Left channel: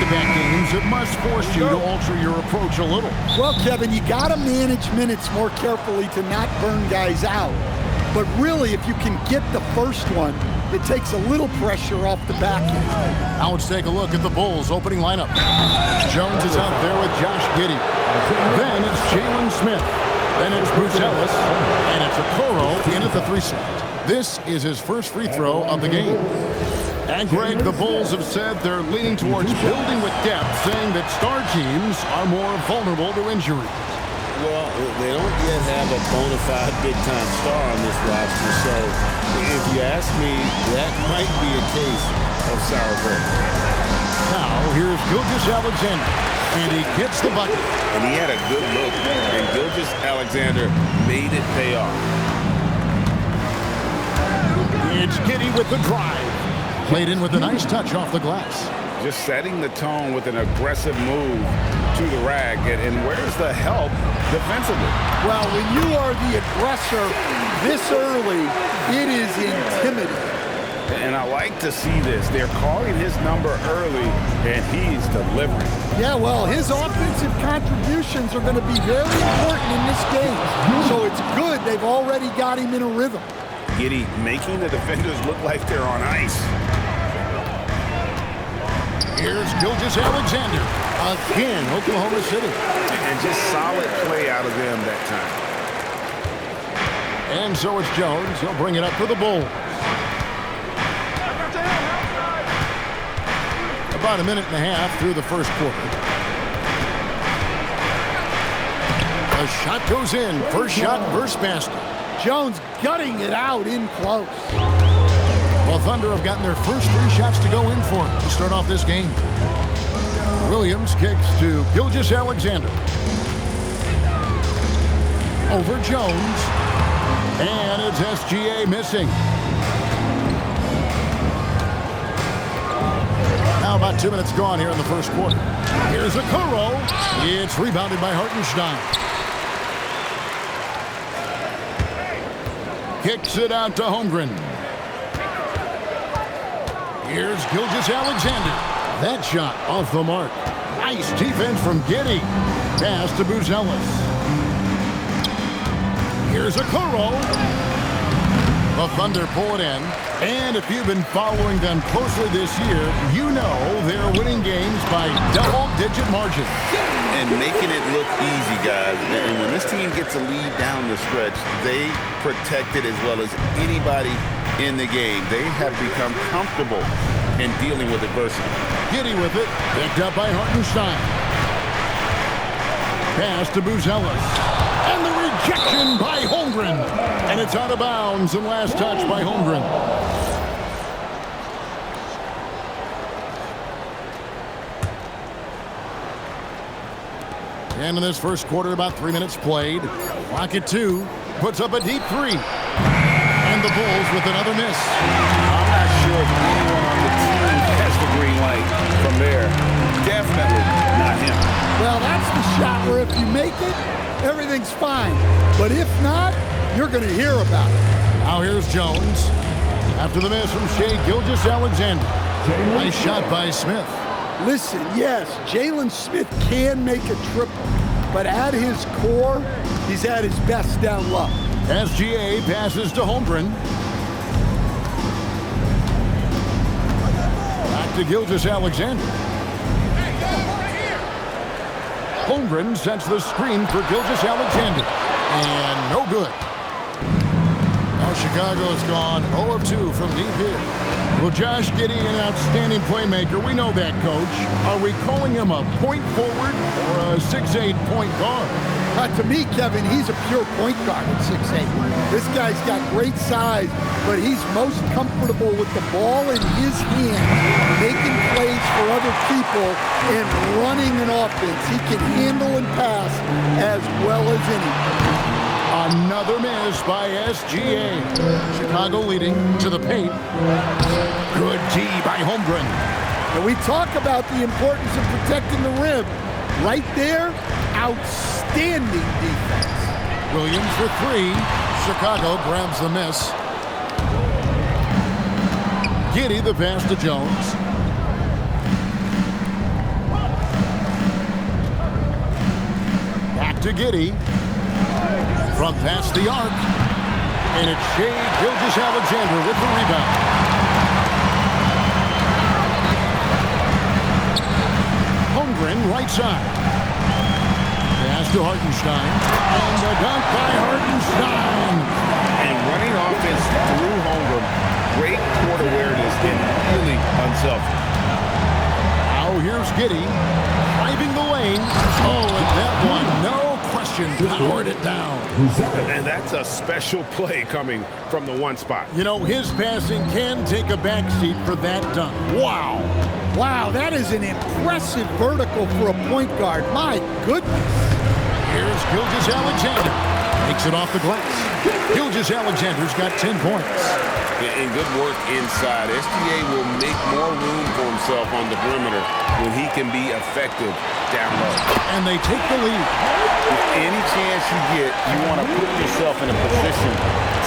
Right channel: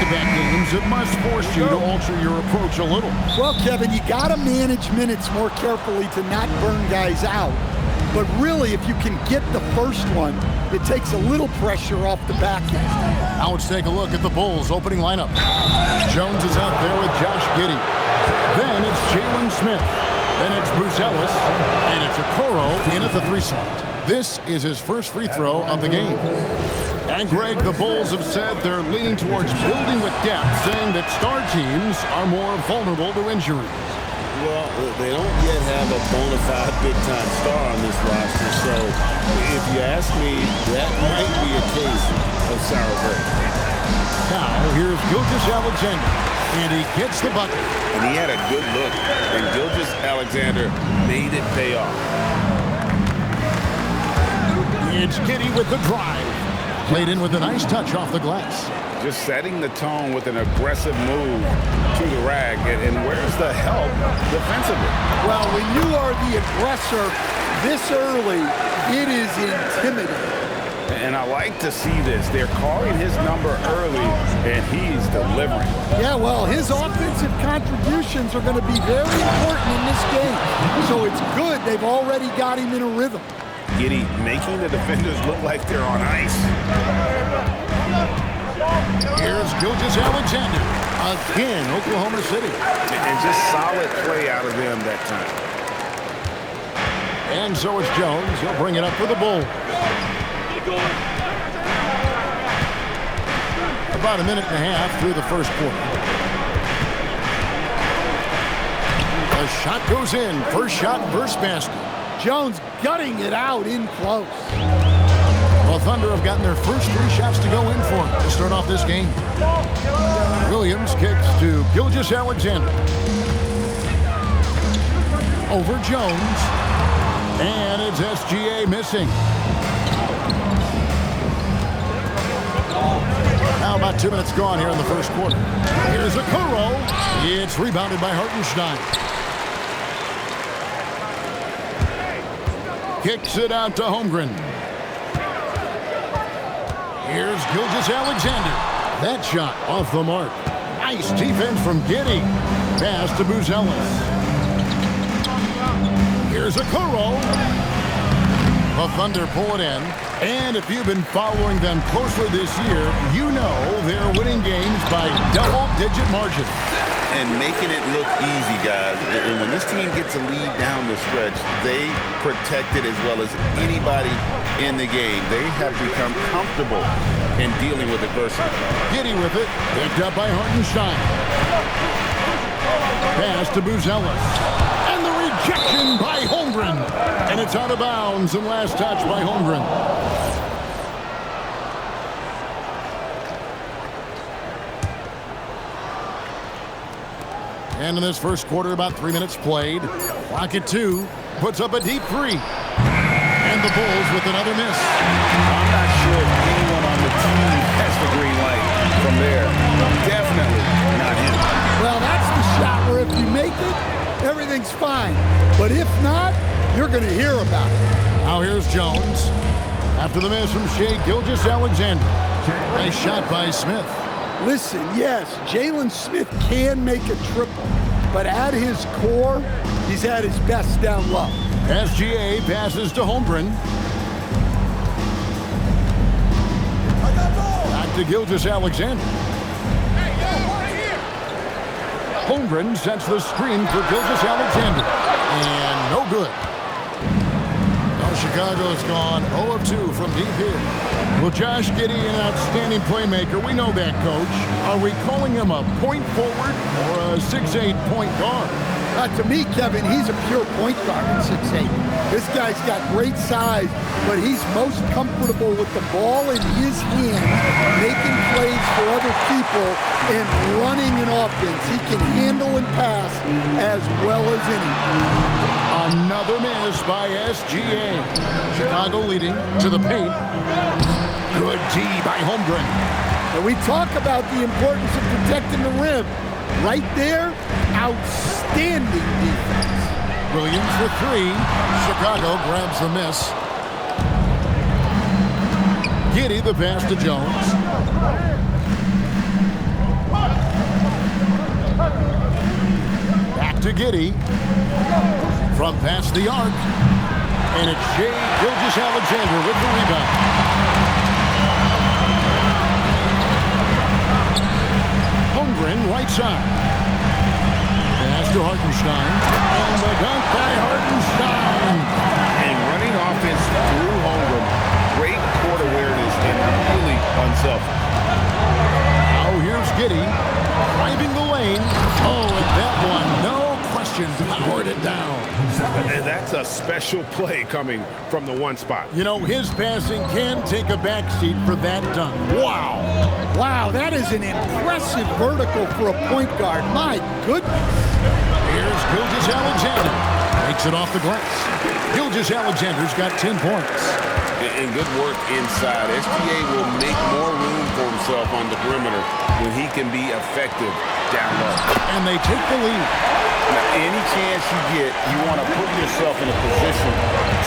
back-to-back games, it must force you to alter your approach a little. Well, Kevin, you got to manage minutes more carefully to not burn guys out. But really, if you can get the first one, it takes a little pressure off the back end. Now let's take a look at the Bulls' opening lineup. Jones is out there with Josh Giddey. Then it's Jalen Smith. Then it's Bruce Ellis. And it's Okoro in at the 3 slot. This is his first free throw of the game. And Greg, the Bulls have said they're leaning towards building with depth, saying that star teams are more vulnerable to injuries. Well, they don't yet have a bona fide big-time star on this roster, so if you ask me, that might be a case of sour grapes. Now, here's Gilgeous-Alexander, and he gets the bucket. And he had a good look, and Gilgeous-Alexander made it pay off. It's Giddey with the drive. Played in with a nice touch off the glass. Just setting the tone with an aggressive move to the rack. And where's the help defensively? Well, when you are the aggressor this early, it is intimidating. And I like to see this. They're calling his number early, and he's delivering. Yeah, well, his offensive contributions are going to be very important in this game. So it's good they've already got him in a rhythm. Giddey making the defenders look like they're on ice. Here's Gilgeous-Alexander. Again, Oklahoma City. And just solid play out of them that time. And so it's Jones. He'll bring it up for the Bulls. About a minute and a half through the first quarter. The shot goes in. First shot, first basket. Jones gutting it out in close. Well, Thunder have gotten their first 3 shots to go in for it to start off this game. Williams kicks to Gilgeous-Alexander. Over Jones. And it's SGA missing. Now about 2 minutes gone here in the first quarter. Here's Okoro. It's rebounded by Hartenstein. Kicks it out to Holmgren. Here's Gilgeous-Alexander. That shot off the mark. Nice defense from Giddey. Pass to Bruce Ellis. Here's Okoro. The Thunder pull it in. And if you've been following them closely this year, you know they're winning games by double-digit margin. And making it look easy, guys. And when this team gets a lead down the stretch, they protect it as well as anybody in the game. They have become comfortable in dealing with adversity. Giddey with it. Picked up by Hartenstein. Pass to Bruce Ellis. And the rejection by Holmgren. And it's out of bounds and last touch by Holmgren. And in this first quarter, about 3 minutes played. Clock at 2. Puts up a deep 3. And the Bulls with another miss. I'm not sure if anyone on the team has the green light from there. Definitely not him. Well, that's the shot where if you make it, everything's fine. But if not, you're going to hear about it. Now here's Jones. After the miss from Shai Gilgeous-Alexander. Nice shot by Smith. Listen, yes, Jalen Smith can make a triple, but at his core, he's at his best down low. SGA passes to Holmgren. Back to Gilgeous-Alexander. Holmgren sets the screen for Gilgeous-Alexander. And no good. Now Chicago's gone 0 of 2 from deep here. Well, Josh Giddey, an outstanding playmaker. We know that, Coach. Are we calling him a point forward or a 6'8" point guard? To me, Kevin, he's a pure point guard at 6'8". This guy's got great size, but he's most comfortable with the ball in his hand, making plays for other people and running an offense. He can handle and pass as well as any. Another miss by SGA. Chicago leading to the paint. Good D by Holmgren. And we talk about the importance of protecting the rim. Right there, outstanding defense. Williams for 3. Chicago grabs the miss. Giddey the pass to Jones. to Giddey. From past the arc. And it's gilgeous-alexander with the rebound. Holmgren right side. Pass to Hartenstein. And the dunk by Hartenstein. And running offense through Holmgren. Great court awareness and really unselfish. Now here's Giddey. Driving the lane. Oh, and that one, no question, powered it down. And that's a special play coming from the one spot. You know, his passing can take a backseat for that dunk. Wow. Wow, that is an impressive vertical for a point guard. My goodness. Here's Gilgeous-Alexander. Makes it off the glass. Gilgeous-Alexander's got 10 points. And good work inside. SGA will make more room for himself on the perimeter when he can be effective down low. And they take the lead. Now, any chance you get, you want to put yourself in a position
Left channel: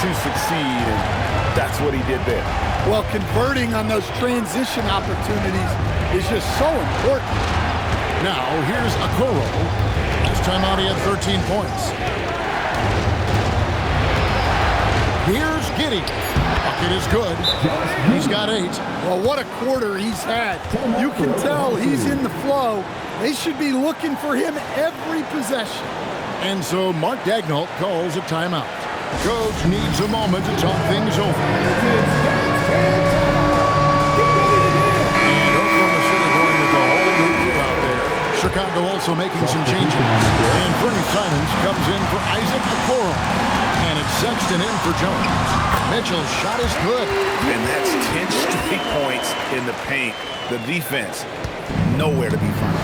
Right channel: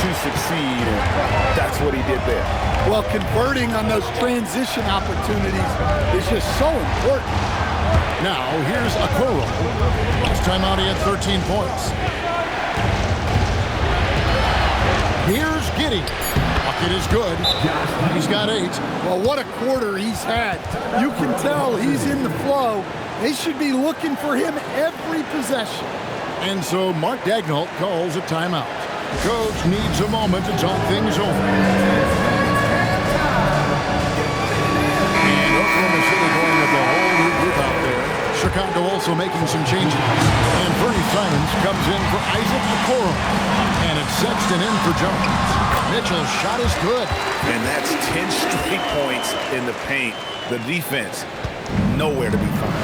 to succeed, and that's what he did there. Well, converting on those transition opportunities is just so important. Now, here's Okoro. Last time out, he had 13 points. Here's Giddey. Bucket is good. He's got 8. Well, what a quarter he's had. You can tell he's in the flow. They should be looking for him every possession. And so Mark Daigneault calls a timeout. Coach needs a moment to talk things over. And Oklahoma City going with a whole new group out there. Chicago also making some changes. And Bernie Simons comes in for Isaac Okoro. And it's Sexton in for Jones. Mitchell's shot is good. And that's 10 straight points in the paint. The defense, nowhere to be found.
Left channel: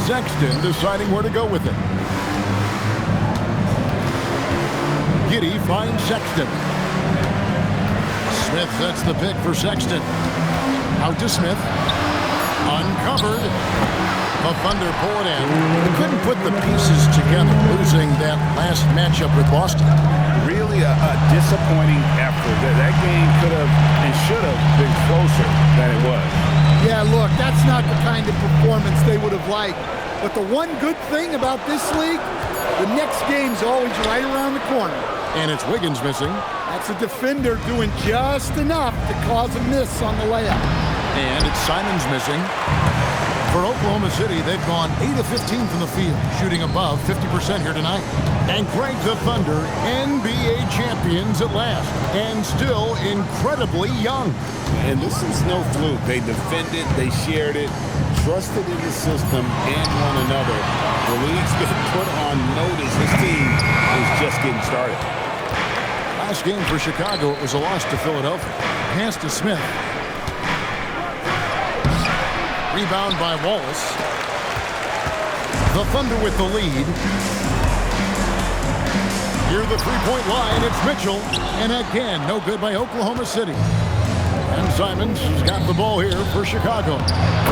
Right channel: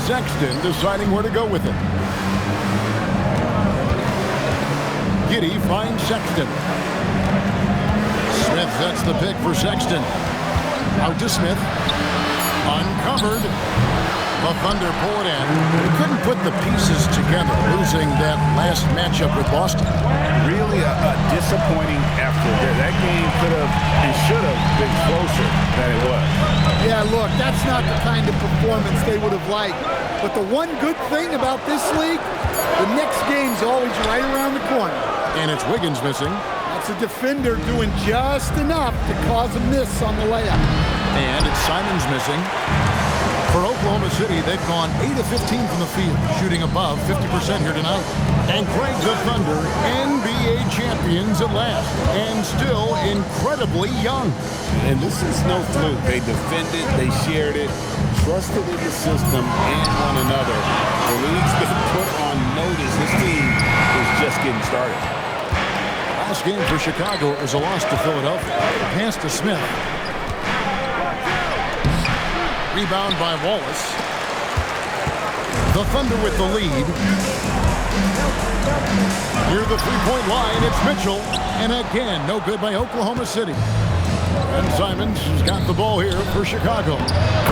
Sexton deciding where to go with it. Giddey finds Sexton. Smith sets the pick for Sexton. Out to Smith. Uncovered. The Thunder pull it in. They couldn't put the pieces together, losing that last matchup with Boston. Really a disappointing effort. That game could have and should have been closer than it was. Yeah, look, that's not the kind of performance they would have liked. But the one good thing about this league, the next game's always right around the corner. And it's Wiggins missing. That's a defender doing just enough to cause a miss on the layup. And it's Simons missing. For Oklahoma City, they've gone 8 of 15 from the field, shooting above 50% here tonight. And Craig, the Thunder, NBA champions at last, and still incredibly young. And this is no fluke. They defended, they shared it, trusted in the system and one another. The league's been put on notice. This team is just getting started. Last game for Chicago, it was a loss to Philadelphia. Pass to Smith. Rebound by Wallace. The Thunder with the lead. Near the three-point line, it's Mitchell. And again, no good by Oklahoma City. And Simons has got the ball here for Chicago.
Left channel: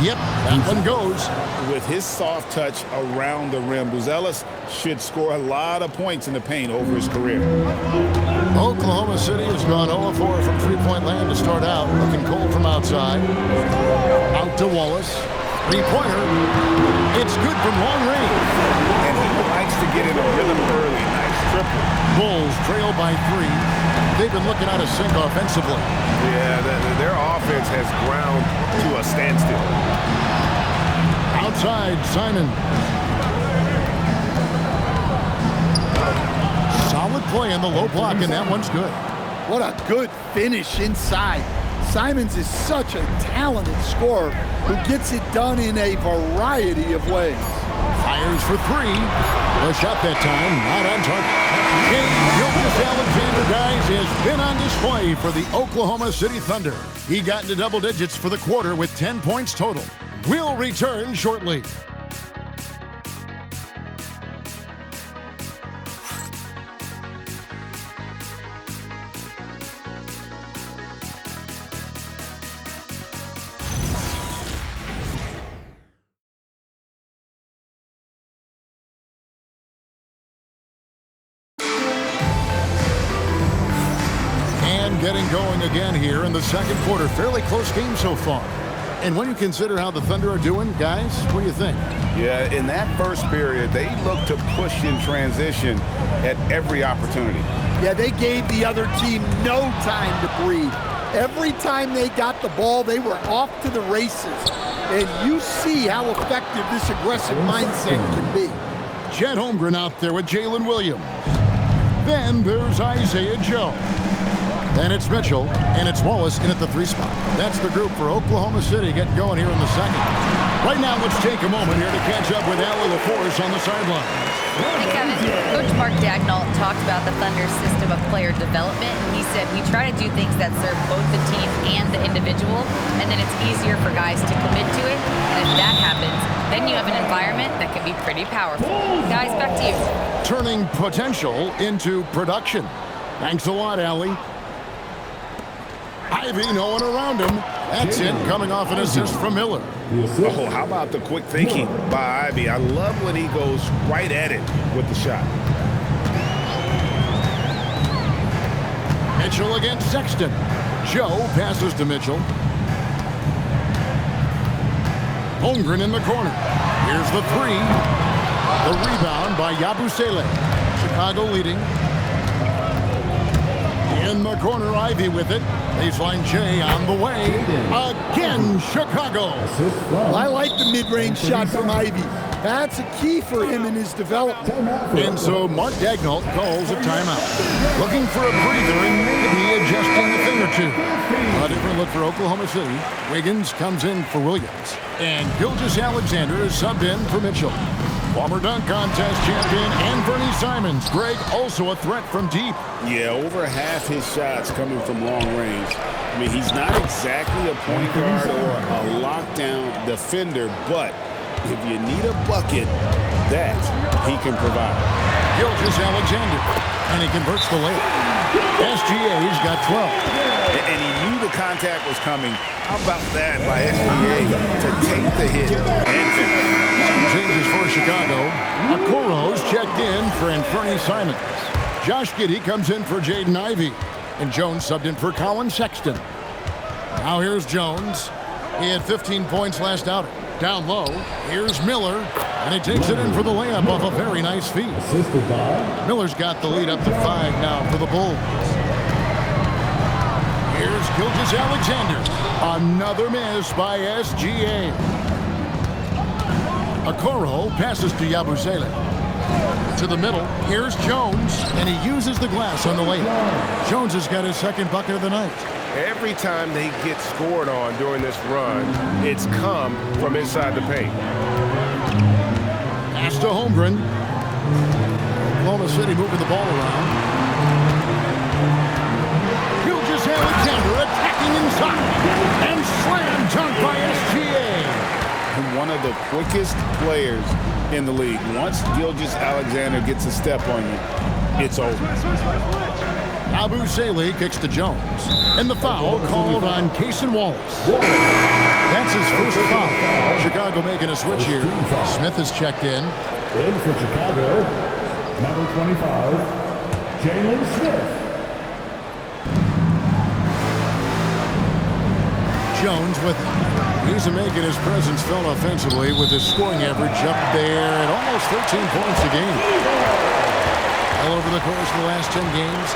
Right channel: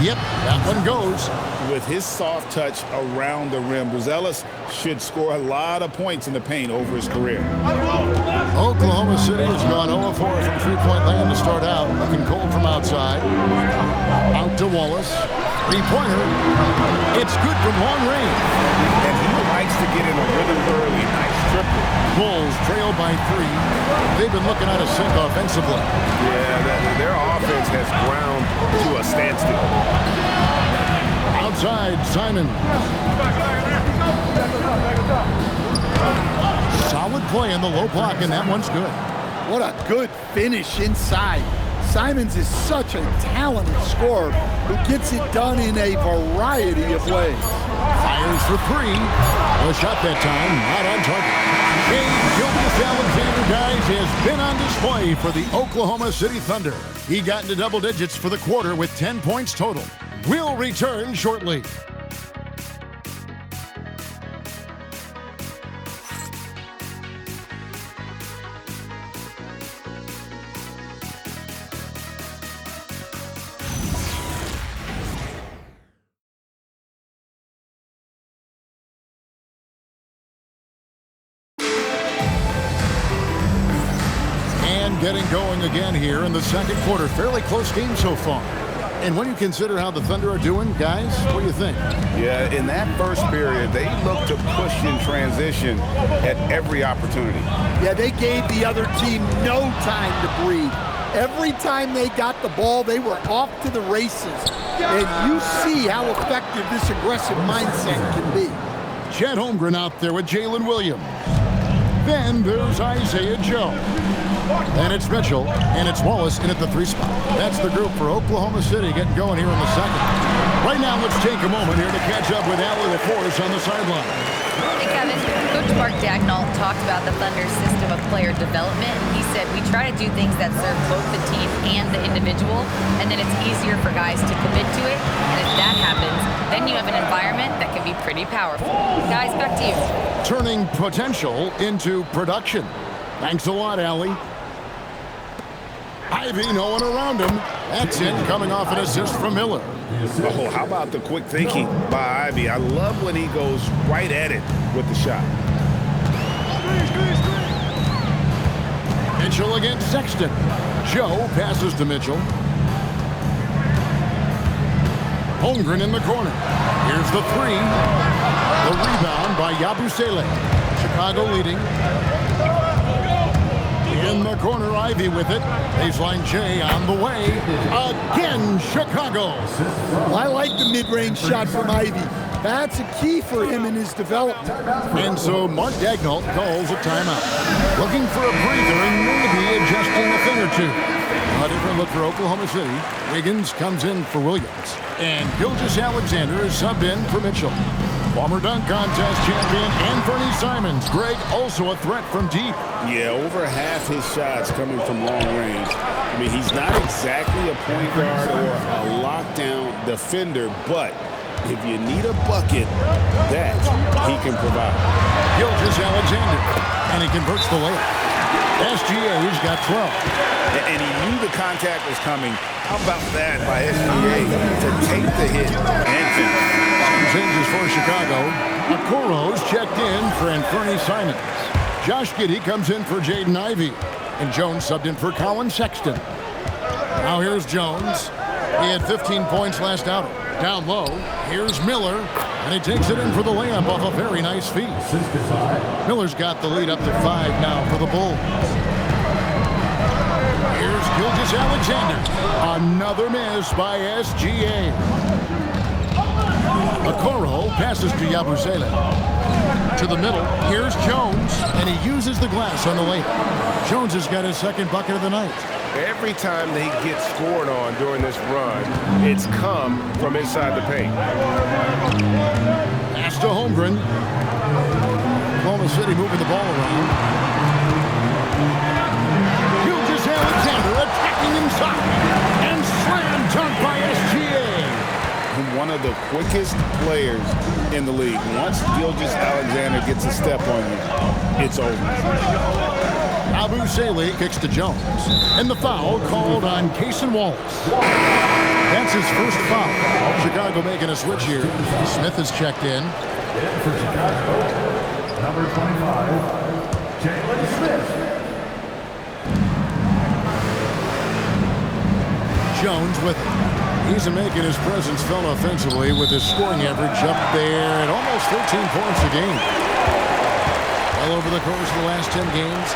Yep, that one goes. With his soft touch around the rim, Buzelis should score a lot of points in the paint over his career. Oklahoma City has gone 0-4 from three-point land to start out. Looking cold from outside. Out to Wallace. Three-pointer. It's good from long range. And he likes to get in a rhythm early. Nice triple. Bulls trail by 3. They've been looking out of sync offensively. Yeah, their offense has ground to a standstill. Outside, Simon. Solid play in the low block, and that one's good. What a good finish inside. Simons is such a talented scorer who gets it done in a variety of ways. Fires for 3. The shot that time, not on target. Gilgeous-Alexander, guys, has been on display for the Oklahoma City Thunder. He got into double digits for the quarter with 10 points total. We'll return shortly. And getting going again here in the second quarter. Fairly close game so far. And when you consider how the Thunder are doing, guys, what do you think? Yeah, in that first period, they looked to push in transition at every opportunity. Yeah, they gave the other team no time to breathe. Every time they got the ball, they were off to the races. And you see how effective this aggressive mindset can be. Chet Holmgren out there with Jalen Williams. Then there's Isaiah Joe. Then it's Mitchell, and it's Wallace in at the 3 spot. That's the group for Oklahoma City getting going here in the second. Right now, let's take a moment here to catch up with Allie LaForce on the sideline. Hey, Kevin. Coach Mark Dagnall talked about the Thunder's system of player development, and he said, we try to do things that serve both the team and the individual, and then it's easier for guys to commit to it. And if that happens, then you have an environment that can be pretty powerful. Guys, back to you. Turning potential into production. Thanks a lot, Allie. Ivy, no one around him. That's it, coming off an assist from Miller. Oh, how about the quick thinking by Ivy? I love when he goes right at it with the shot. Mitchell against Sexton. Joe passes to Mitchell. Holmgren in the corner. Here's the 3. The rebound by Yabusele. Chicago leading. In the corner, Ivy with it. Baseline J on the way. Again, Chicago. Well, I like the mid-range shot from Ivy. That's a key for him in his development. And so Mark Dagnall calls a timeout. Looking for a breather and maybe adjusting a thing or two. A different look for Oklahoma City. Wiggins comes in for Williams. And Gilgeous-Alexander is subbed in for Mitchell. Former dunk contest champion Anthony Simons. Greg also a threat from deep. Yeah, over half his shots coming from long range. I mean, he's not exactly a point guard or a lockdown defender, but if you need a bucket, that he can provide. Gilgeous-Alexander, and he converts the layup. SGA's got 12. And he knew the contact was coming. How about that by SGA to take the hit and finish? Changes for Chicago. Okoro's checked in for Anthony Simons. Josh Giddey comes in for Jaden Ivey. And Jones subbed in for Colin Sexton. Now here's Jones. He had 15 points last outing. Down low, here's Miller. And he takes it in for the layup off a very nice feed. Miller's got the lead up to 5 now for the Bulls. Here's Gilgeous-Alexander. Another miss by SGA. Okoro passes to Yabusele. To the middle, here's Jones, and he uses the glass on the layup. Jones has got his second bucket of the night. Every time they get scored on during this run, it's come from inside the paint. Pass to Holmgren. Oklahoma City moving the ball around. Gilgeous-Alexander attacking inside. And slam dunk by SGA. One of the quickest players in the league. Once Gilgeous-Alexander gets a step on you, it's over. Yabusele kicks to Jones. And the foul called on Cason Wallace. That's his first foul. Chicago making a switch here. Smith is checked in. In for Chicago, number 25, Jalen Smith. Jones with it. He's making his presence felt offensively with his scoring average up there at almost 13 points a game. Well, over the course of the last 10 games,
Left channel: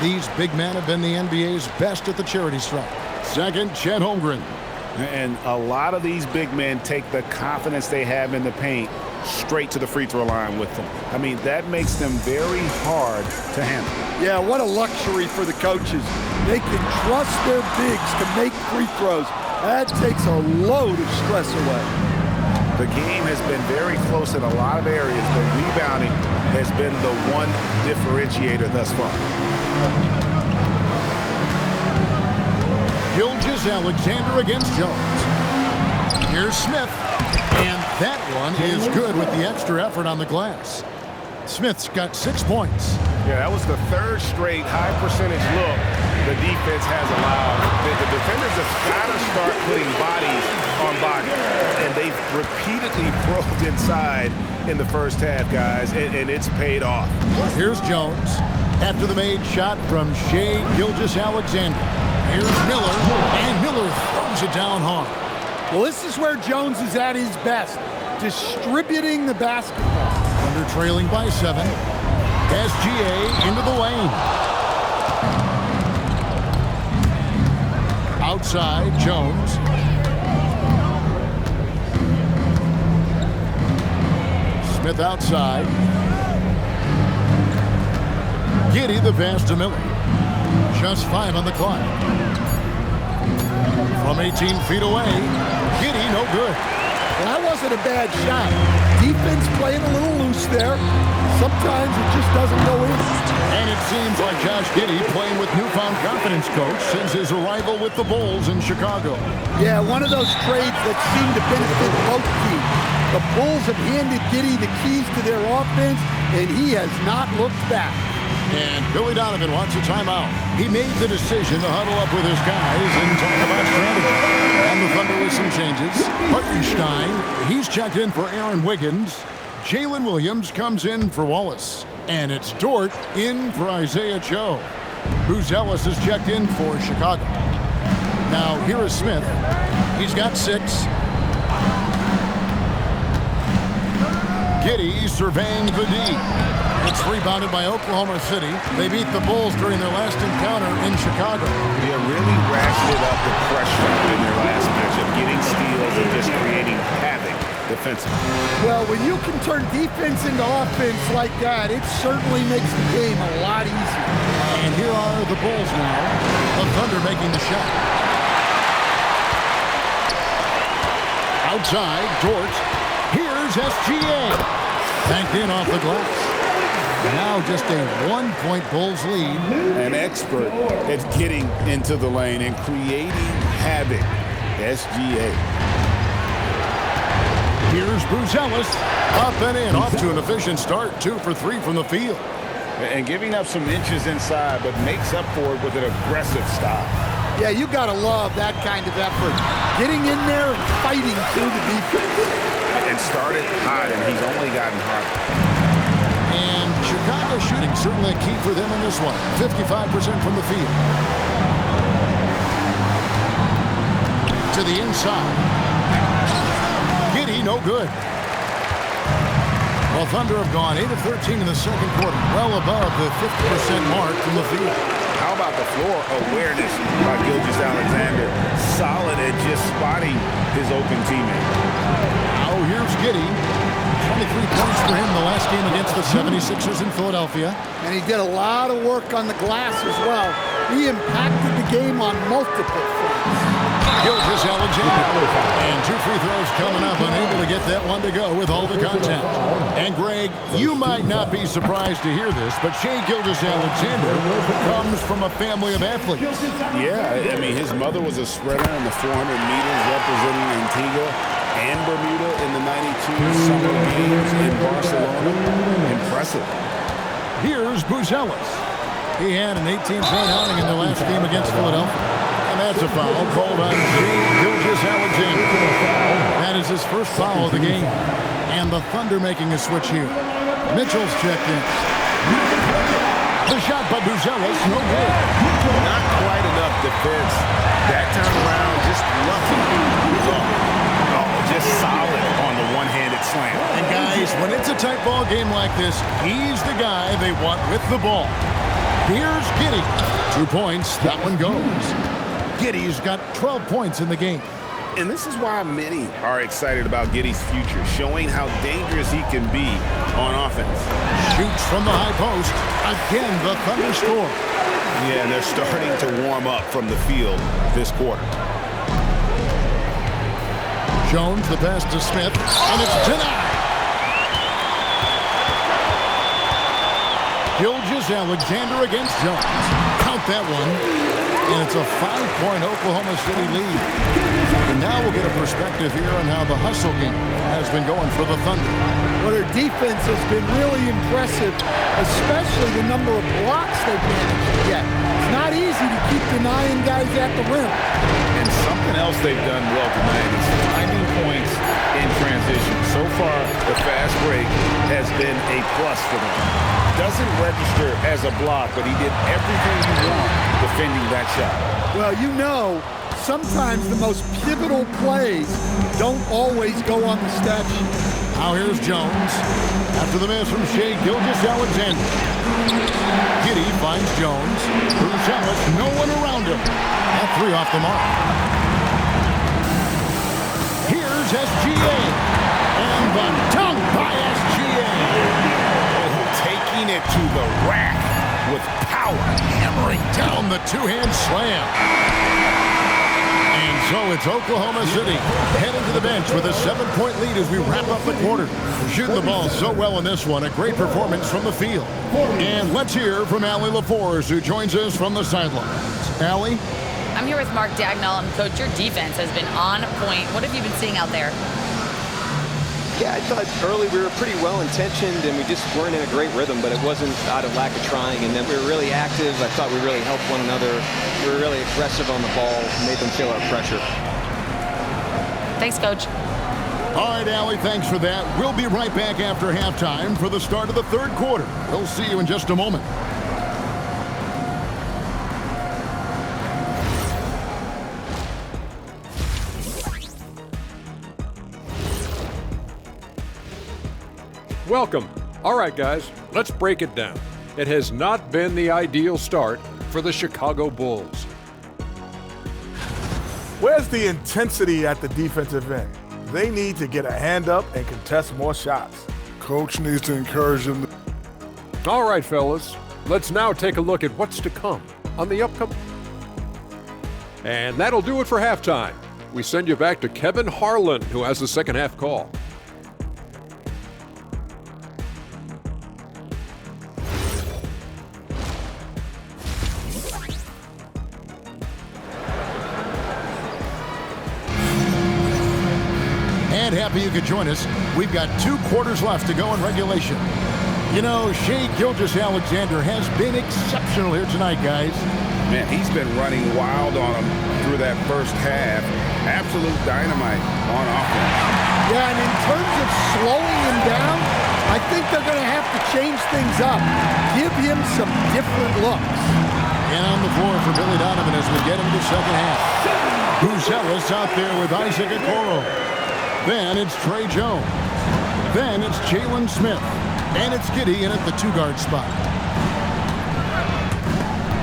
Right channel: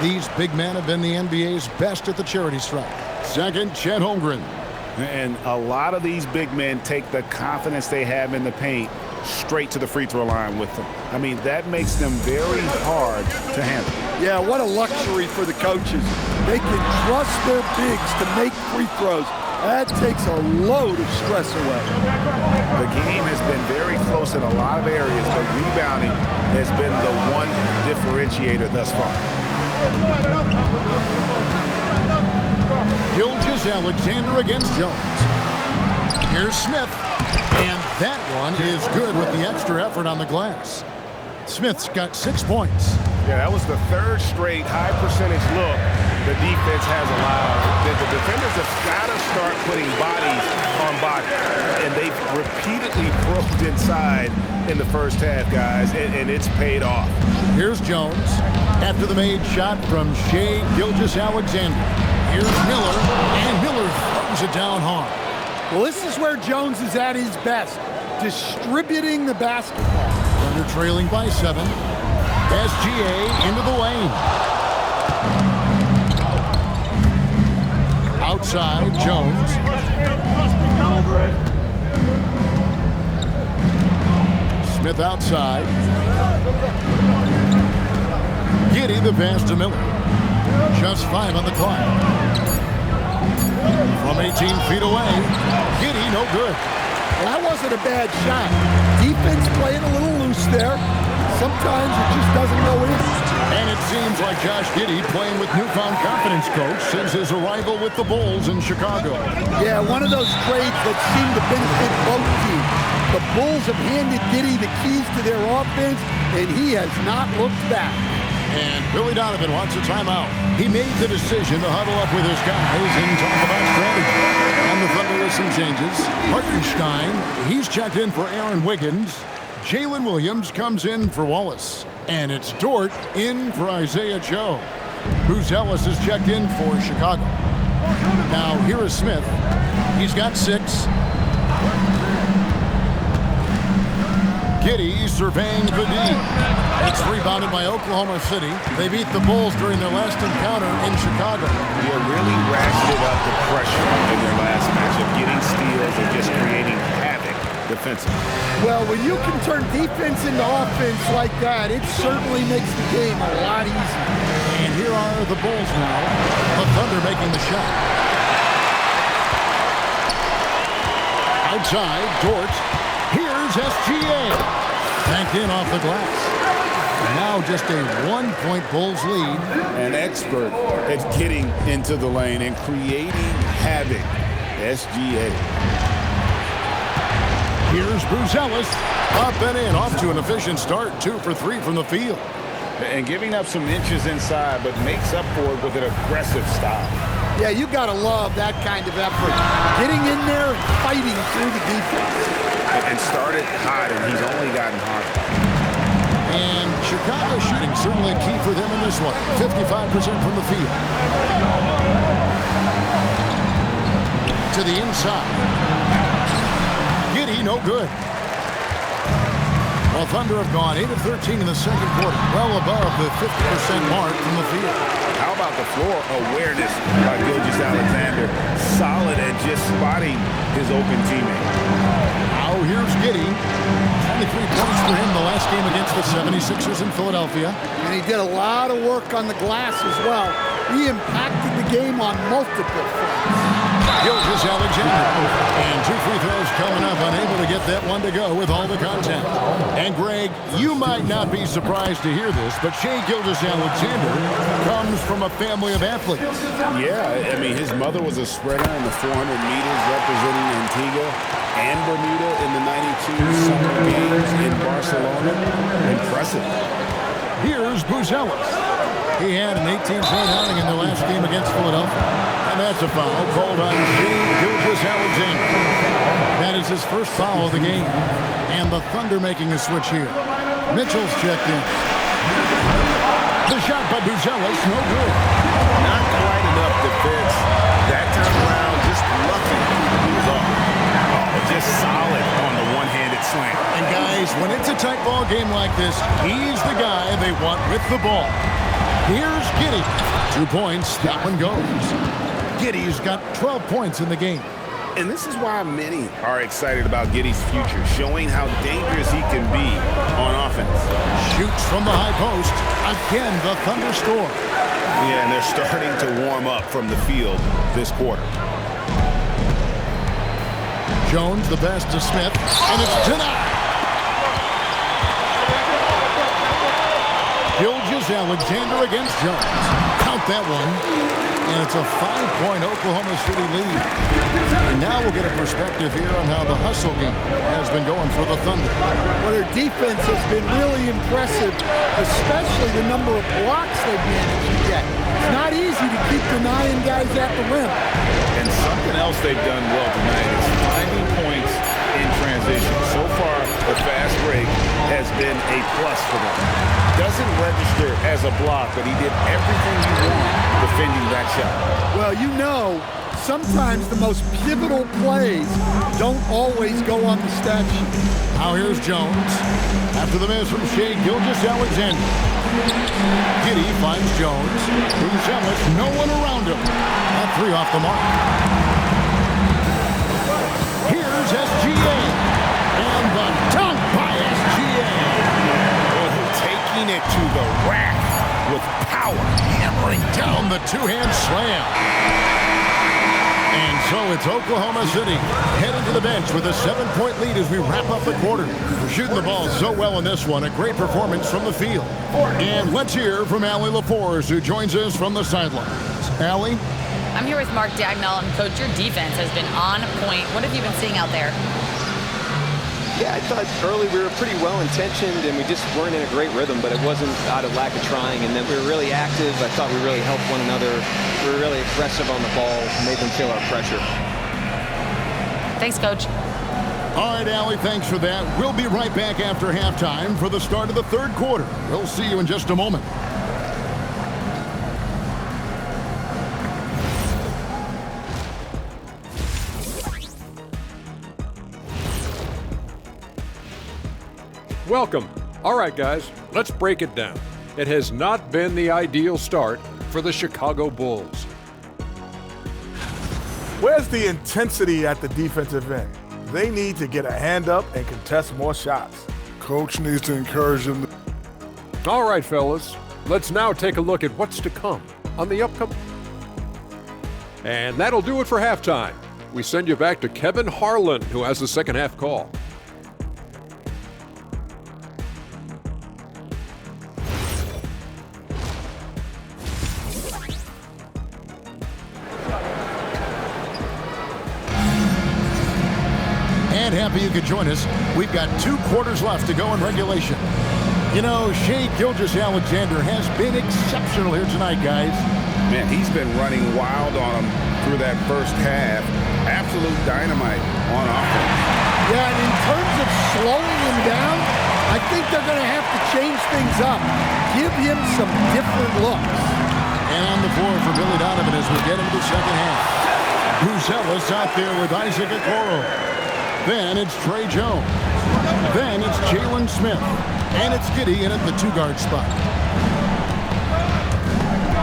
these big men have been the NBA's best at the charity stripe. Second, Chet Holmgren. And a lot of these big men take the confidence they have in the paint straight to the free throw line with them. I mean, that makes them very hard to handle. Yeah, what a luxury for the coaches. They can trust their bigs to make free throws. That takes a load of stress away. The game has been very close in a lot of areas, but rebounding has been the one differentiator thus far. Gilgeous-Alexander against Jones. Here's Smith. And that one is good with the extra effort on the glass. Smith's got 6 points. Yeah, that was the third straight high percentage look the defense has allowed. The defenders have got to start putting bodies on bodies. And they've repeatedly probed inside in the first half, guys, and it's paid off. Here's Jones. After the made shot from Shai Gilgeous-Alexander. Here's Miller, and Miller throws it down hard. Well, this is where Jones is at his best, distributing the basketball. Thunder trailing by 7. SGA into the lane. Outside, Jones. Smith outside. Giddey the pass to Miller. Just 5 on the clock. From 18 feet away, Giddey no good. Well, that wasn't a bad shot. Defense playing a little loose there. Sometimes it just doesn't go in. And it seems like Josh Giddey playing with newfound confidence, Coach, since his arrival with the Bulls in Chicago. Yeah, one of those trades that seem to benefit both teams. The Bulls have handed Giddey the keys to their offense, and he has not looked back. And Billy Donovan wants a timeout. He made the decision to huddle up with his guys and talk about strategy. And the Thunder with some changes. Hartenstein, he's checked in for Aaron Wiggins. Jalen Williams comes in for Wallace. And it's Dort in for Isaiah Joe. Buzelis is checked in for Chicago. Now here is Smith. He's got 6. Giddey surveying the D. It's rebounded by Oklahoma City. They beat the Bulls during their last encounter in Chicago. Yeah, really ratcheted up the pressure in their last matchup, getting steals and just creating havoc defensively. Well, when you can turn defense into offense like that, it certainly makes the game a lot easier. And here are the Bulls now. The Thunder making the shot. Outside, Dort. Here's SGA. Banked in off the glass. Now just a 1-point Bulls lead. An expert at getting into the lane and creating havoc. SGA. Here's Buzelis. Up and in. Off to an efficient start. 2 for 3 from the field. And giving up some inches inside, but makes up for it with an aggressive style. Yeah, you got to love that kind of effort. Getting in there and fighting through the defense. And started hot, and he's only gotten harder. And Chicago shooting certainly a key for them in this one. 55% from the field. To the inside. Giddey, no good. Well, Thunder have gone 8 of 13 in the second quarter. Well above the 50% mark from the field. How about the floor awareness by Gilgeous-Alexander? Solid at just spotting his open teammate. Now here's Giddey. 23 points for him the last game against the 76ers in Philadelphia. And he did a lot of work on the glass as well. He impacted the game on multiple fronts. Gilgeous-Alexander. And 2 free throws coming up, unable to get that one to go with all the contact. And Greg, you might not be surprised to hear this, but Shai Gilgeous-Alexander comes from a family of athletes. Yeah, I mean, his mother was a sprinter in the 400 meters representing Antigua and Bermuda in the 92 Summer Games in Barcelona. Impressive. Here's Buzelis. He had an 18-point outing in the last game against Philadelphia. And that's a foul called on Shai Gilgeous-Alexander. That is his first foul of the game. And the Thunder making a switch here. Mitchell's checked in. The shot by Buzelis, no good. Not quite enough defense. That time around, just lucky he was off. Oh, just solid on the one-handed slam. And guys, when it's a tight ball game like this, he's the guy they want with the ball. Here's Giddey. 2 points, that one goes. Giddey's got 12 points in the game. And this is why many are excited about Giddey's future, showing how dangerous he can be on offense. Shoots from the high post. Again, the Thunder score. Yeah, and they're starting to warm up from the field this quarter. Jones, the pass to Smith, and it's denied. Gilgeous-Alexander against Jones. Count that one. And it's a 5-point Oklahoma City lead. And now we'll get a perspective here on how the hustle game has been going for the Thunder. Well, their defense has been really impressive, especially the number of blocks they've managed to get. It's not easy to keep denying guys at the rim. And something else they've done well tonight is finding points in transition. So far, the fast break has been a plus for them. Doesn't register as a block, but he did everything you want defending that shot. Well, you know, sometimes the most pivotal plays don't always go on the stat sheet. Now here's Jones. After the miss from Shea Gilgeous-Alexander. Giddey finds Jones. Bruce, no one around him. That 3 off the mark. Here's SGA. And the dunk by SGA. Oh, taking it to the rack with power. Hammering down the two-hand slam. And so it's Oklahoma City heading to the bench with a 7-point lead as we wrap up the quarter. We're shooting the ball so well in this one. A great performance from the field. And let's hear from Allie LaForce, who joins us from the sidelines. Allie? I'm here with Mark Dagnall, and Coach, your defense has been on point. What have you been seeing out there? Yeah, I thought early we were pretty well-intentioned, and we just weren't in a great rhythm, but it wasn't out of lack of trying. And then we were really active. I thought we really helped one another. We were really aggressive on the ball, made them feel our pressure. Thanks, Coach. All right, Allie, thanks for that. We'll be right back after halftime for the start of the third quarter. We'll see you in just a moment. Welcome. All right, guys, let's break it down. It has not been the ideal start for the Chicago Bulls. Where's the intensity at the defensive end? They need to get a hand up and contest more shots. Coach needs to encourage them. All right, fellas, let's now take a look at what's to come on the upcoming. And that'll do it for halftime. We send you back to Kevin Harlan, who has the second half call. And happy you could join us. We've got 2 quarters left to go in regulation. You know, Shea Gilgeous-Alexander has been exceptional here tonight, guys. Man, he's been running wild on him through that first half. Absolute dynamite on offense. Yeah, and in terms of slowing him down, I think they're going to have to change things up. Give him some different looks. And on the floor for Billy Donovan as we get into the second half. Bruce out there with Isaac Okoro. Then it's Trey Jones. Then it's Jalen Smith. And it's Giddey in at the 2-guard spot.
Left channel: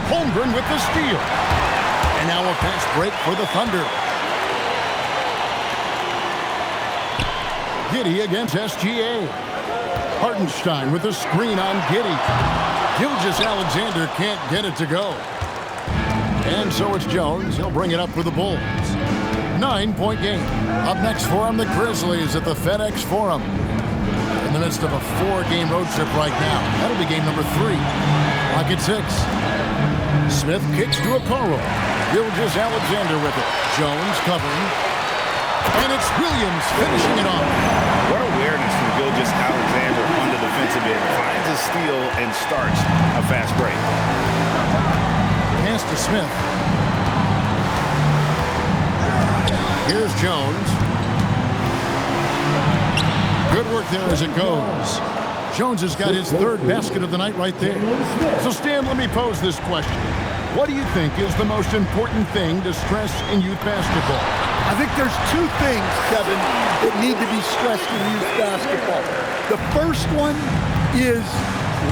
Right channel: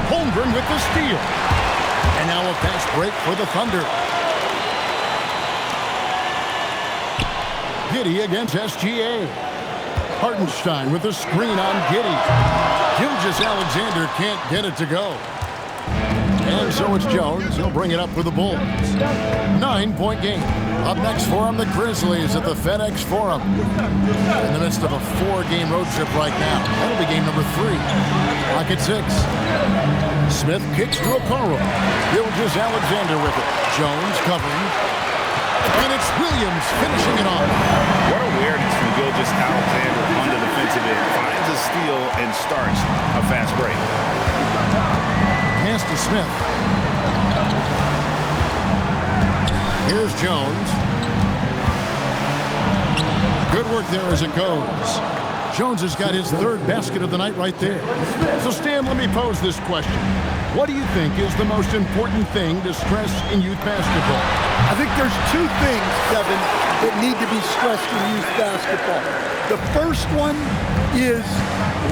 Holmgren with the steal. And now a fast break for the Thunder. Giddey against SGA. Hartenstein with the screen on Giddey. Gilgeous-Alexander can't get it to go. And so it's Jones. He'll bring it up for the Bulls. 9-point game. Up next for them, the Grizzlies at the FedEx Forum. In the midst of a 4-game road trip right now. That'll be game number 3. Clock at 6. Smith kicks to Okoro. Gilgeous-Alexander with it. Jones covering. And it's Williams finishing it off. What awareness from Gilgeous-Alexander on the defensive end. Finds a steal and starts a fast break. Pass to Smith. Here's Jones. Good work there as it goes. Jones has got his 3rd basket of the night right there. So, Stan, let me pose this question. What do you think is the most important thing to stress in youth basketball? I think there's 2 things, Kevin, that need to be stressed in youth basketball. The first one is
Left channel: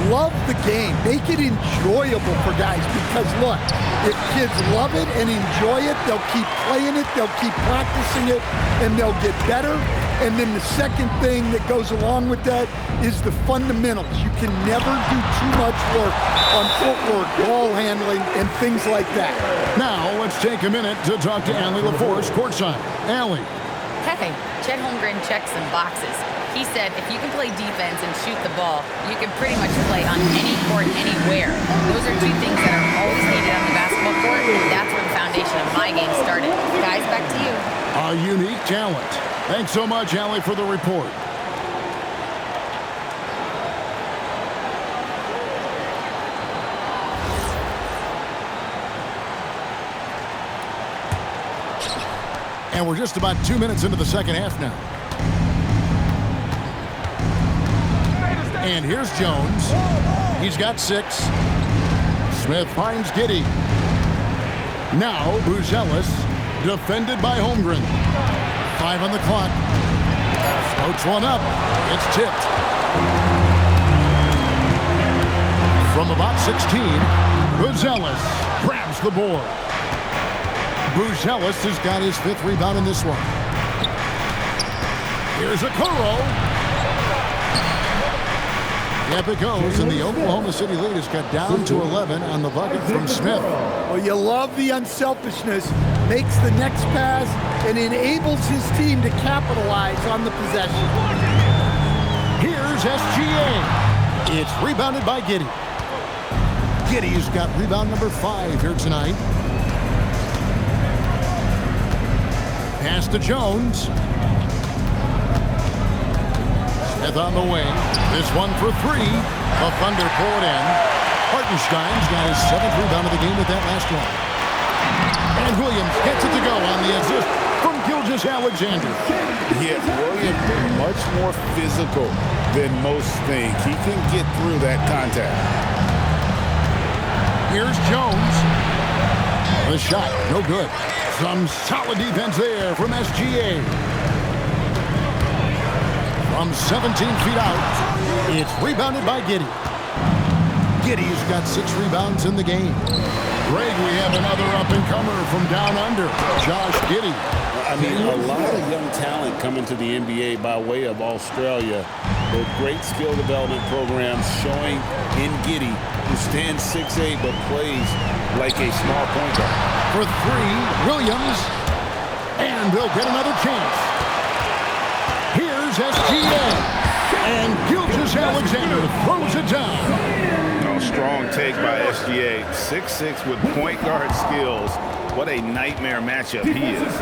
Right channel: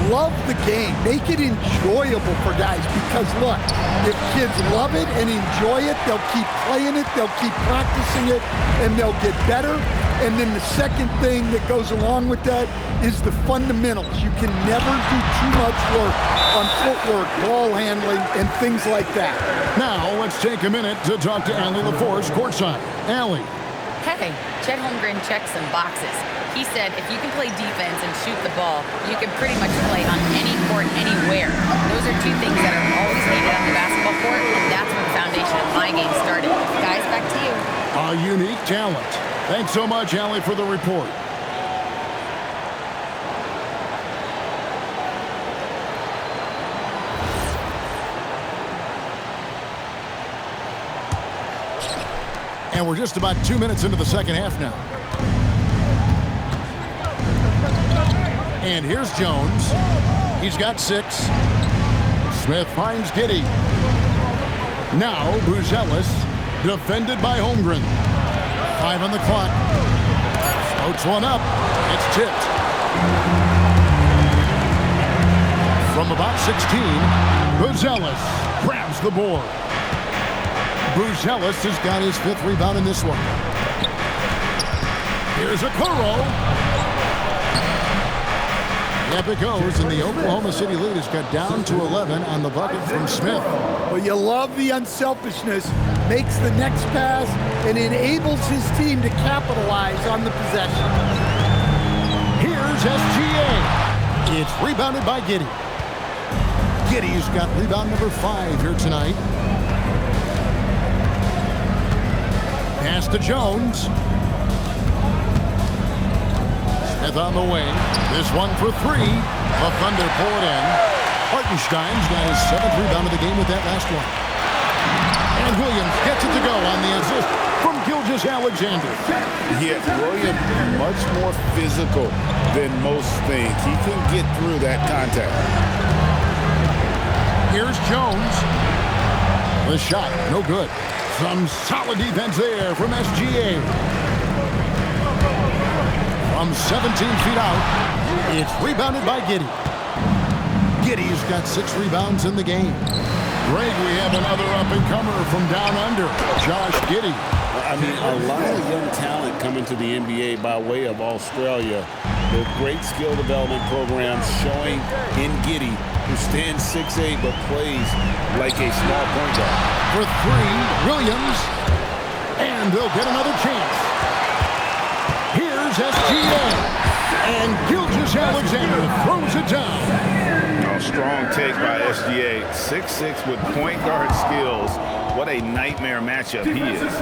love the game. Make it enjoyable for guys because, look, if kids love it and enjoy it, they'll keep playing it, they'll keep practicing it, and they'll get better. And then the second thing that goes along with that is the fundamentals. You can never do too much work on footwork, ball handling, and things like that. Now, let's take a minute to talk to Allie LaForce courtside. Allie. Hey, Chet Holmgren checks some boxes. He said if you can play defense and shoot the ball, you can pretty much play on any court, anywhere. Those are 2 things that are always needed on the basketball court, and that's where the foundation of my game started. Guys, back to you. A unique talent. Thanks so much, Allie, for the report. And we're just about 2 minutes into the second half now. And here's Jones. He's got 6. Smith finds Giddey. Now Bruce Defended by Holmgren. 5 on the clock. Floats one up. It's tipped. From about 16, Buzelis grabs the board. Buzelis has got his 5th rebound in this one. Here's Okoro. Yep, it goes, and the Oklahoma City lead has got down to 11 on the bucket from Smith. Well, you love the unselfishness. Makes the next pass and enables his team to capitalize on the possession. Here's SGA. It's rebounded by Giddey. Giddey's got rebound number 5 here tonight. Pass to Jones. Smith on the wing. This one for 3. The Thunder pull it in. Hartenstein's got his 7th rebound of the game with that last one. And Williams gets it to go on the assist from Gilgeous-Alexander. Yeah, Williams much more physical than most think. He can get through that contact. Here's Jones. The shot, no good. Some solid defense there from SGA. From 17 feet out, it's rebounded by Giddey. Giddey's got 6 rebounds in the game. Greg, we have another up-and-comer from down under, Josh Giddey. I mean, a lot of young talent coming to the NBA by way of Australia. The great skill development programs showing in Giddey, who stands 6'8", but plays like a small point guard. For 3, Williams. And they'll get another chance. Here's SGA. And Gilgeous-Alexander throws it down. Strong take by SGA. 6'6" with point guard skills. What a nightmare matchup he is.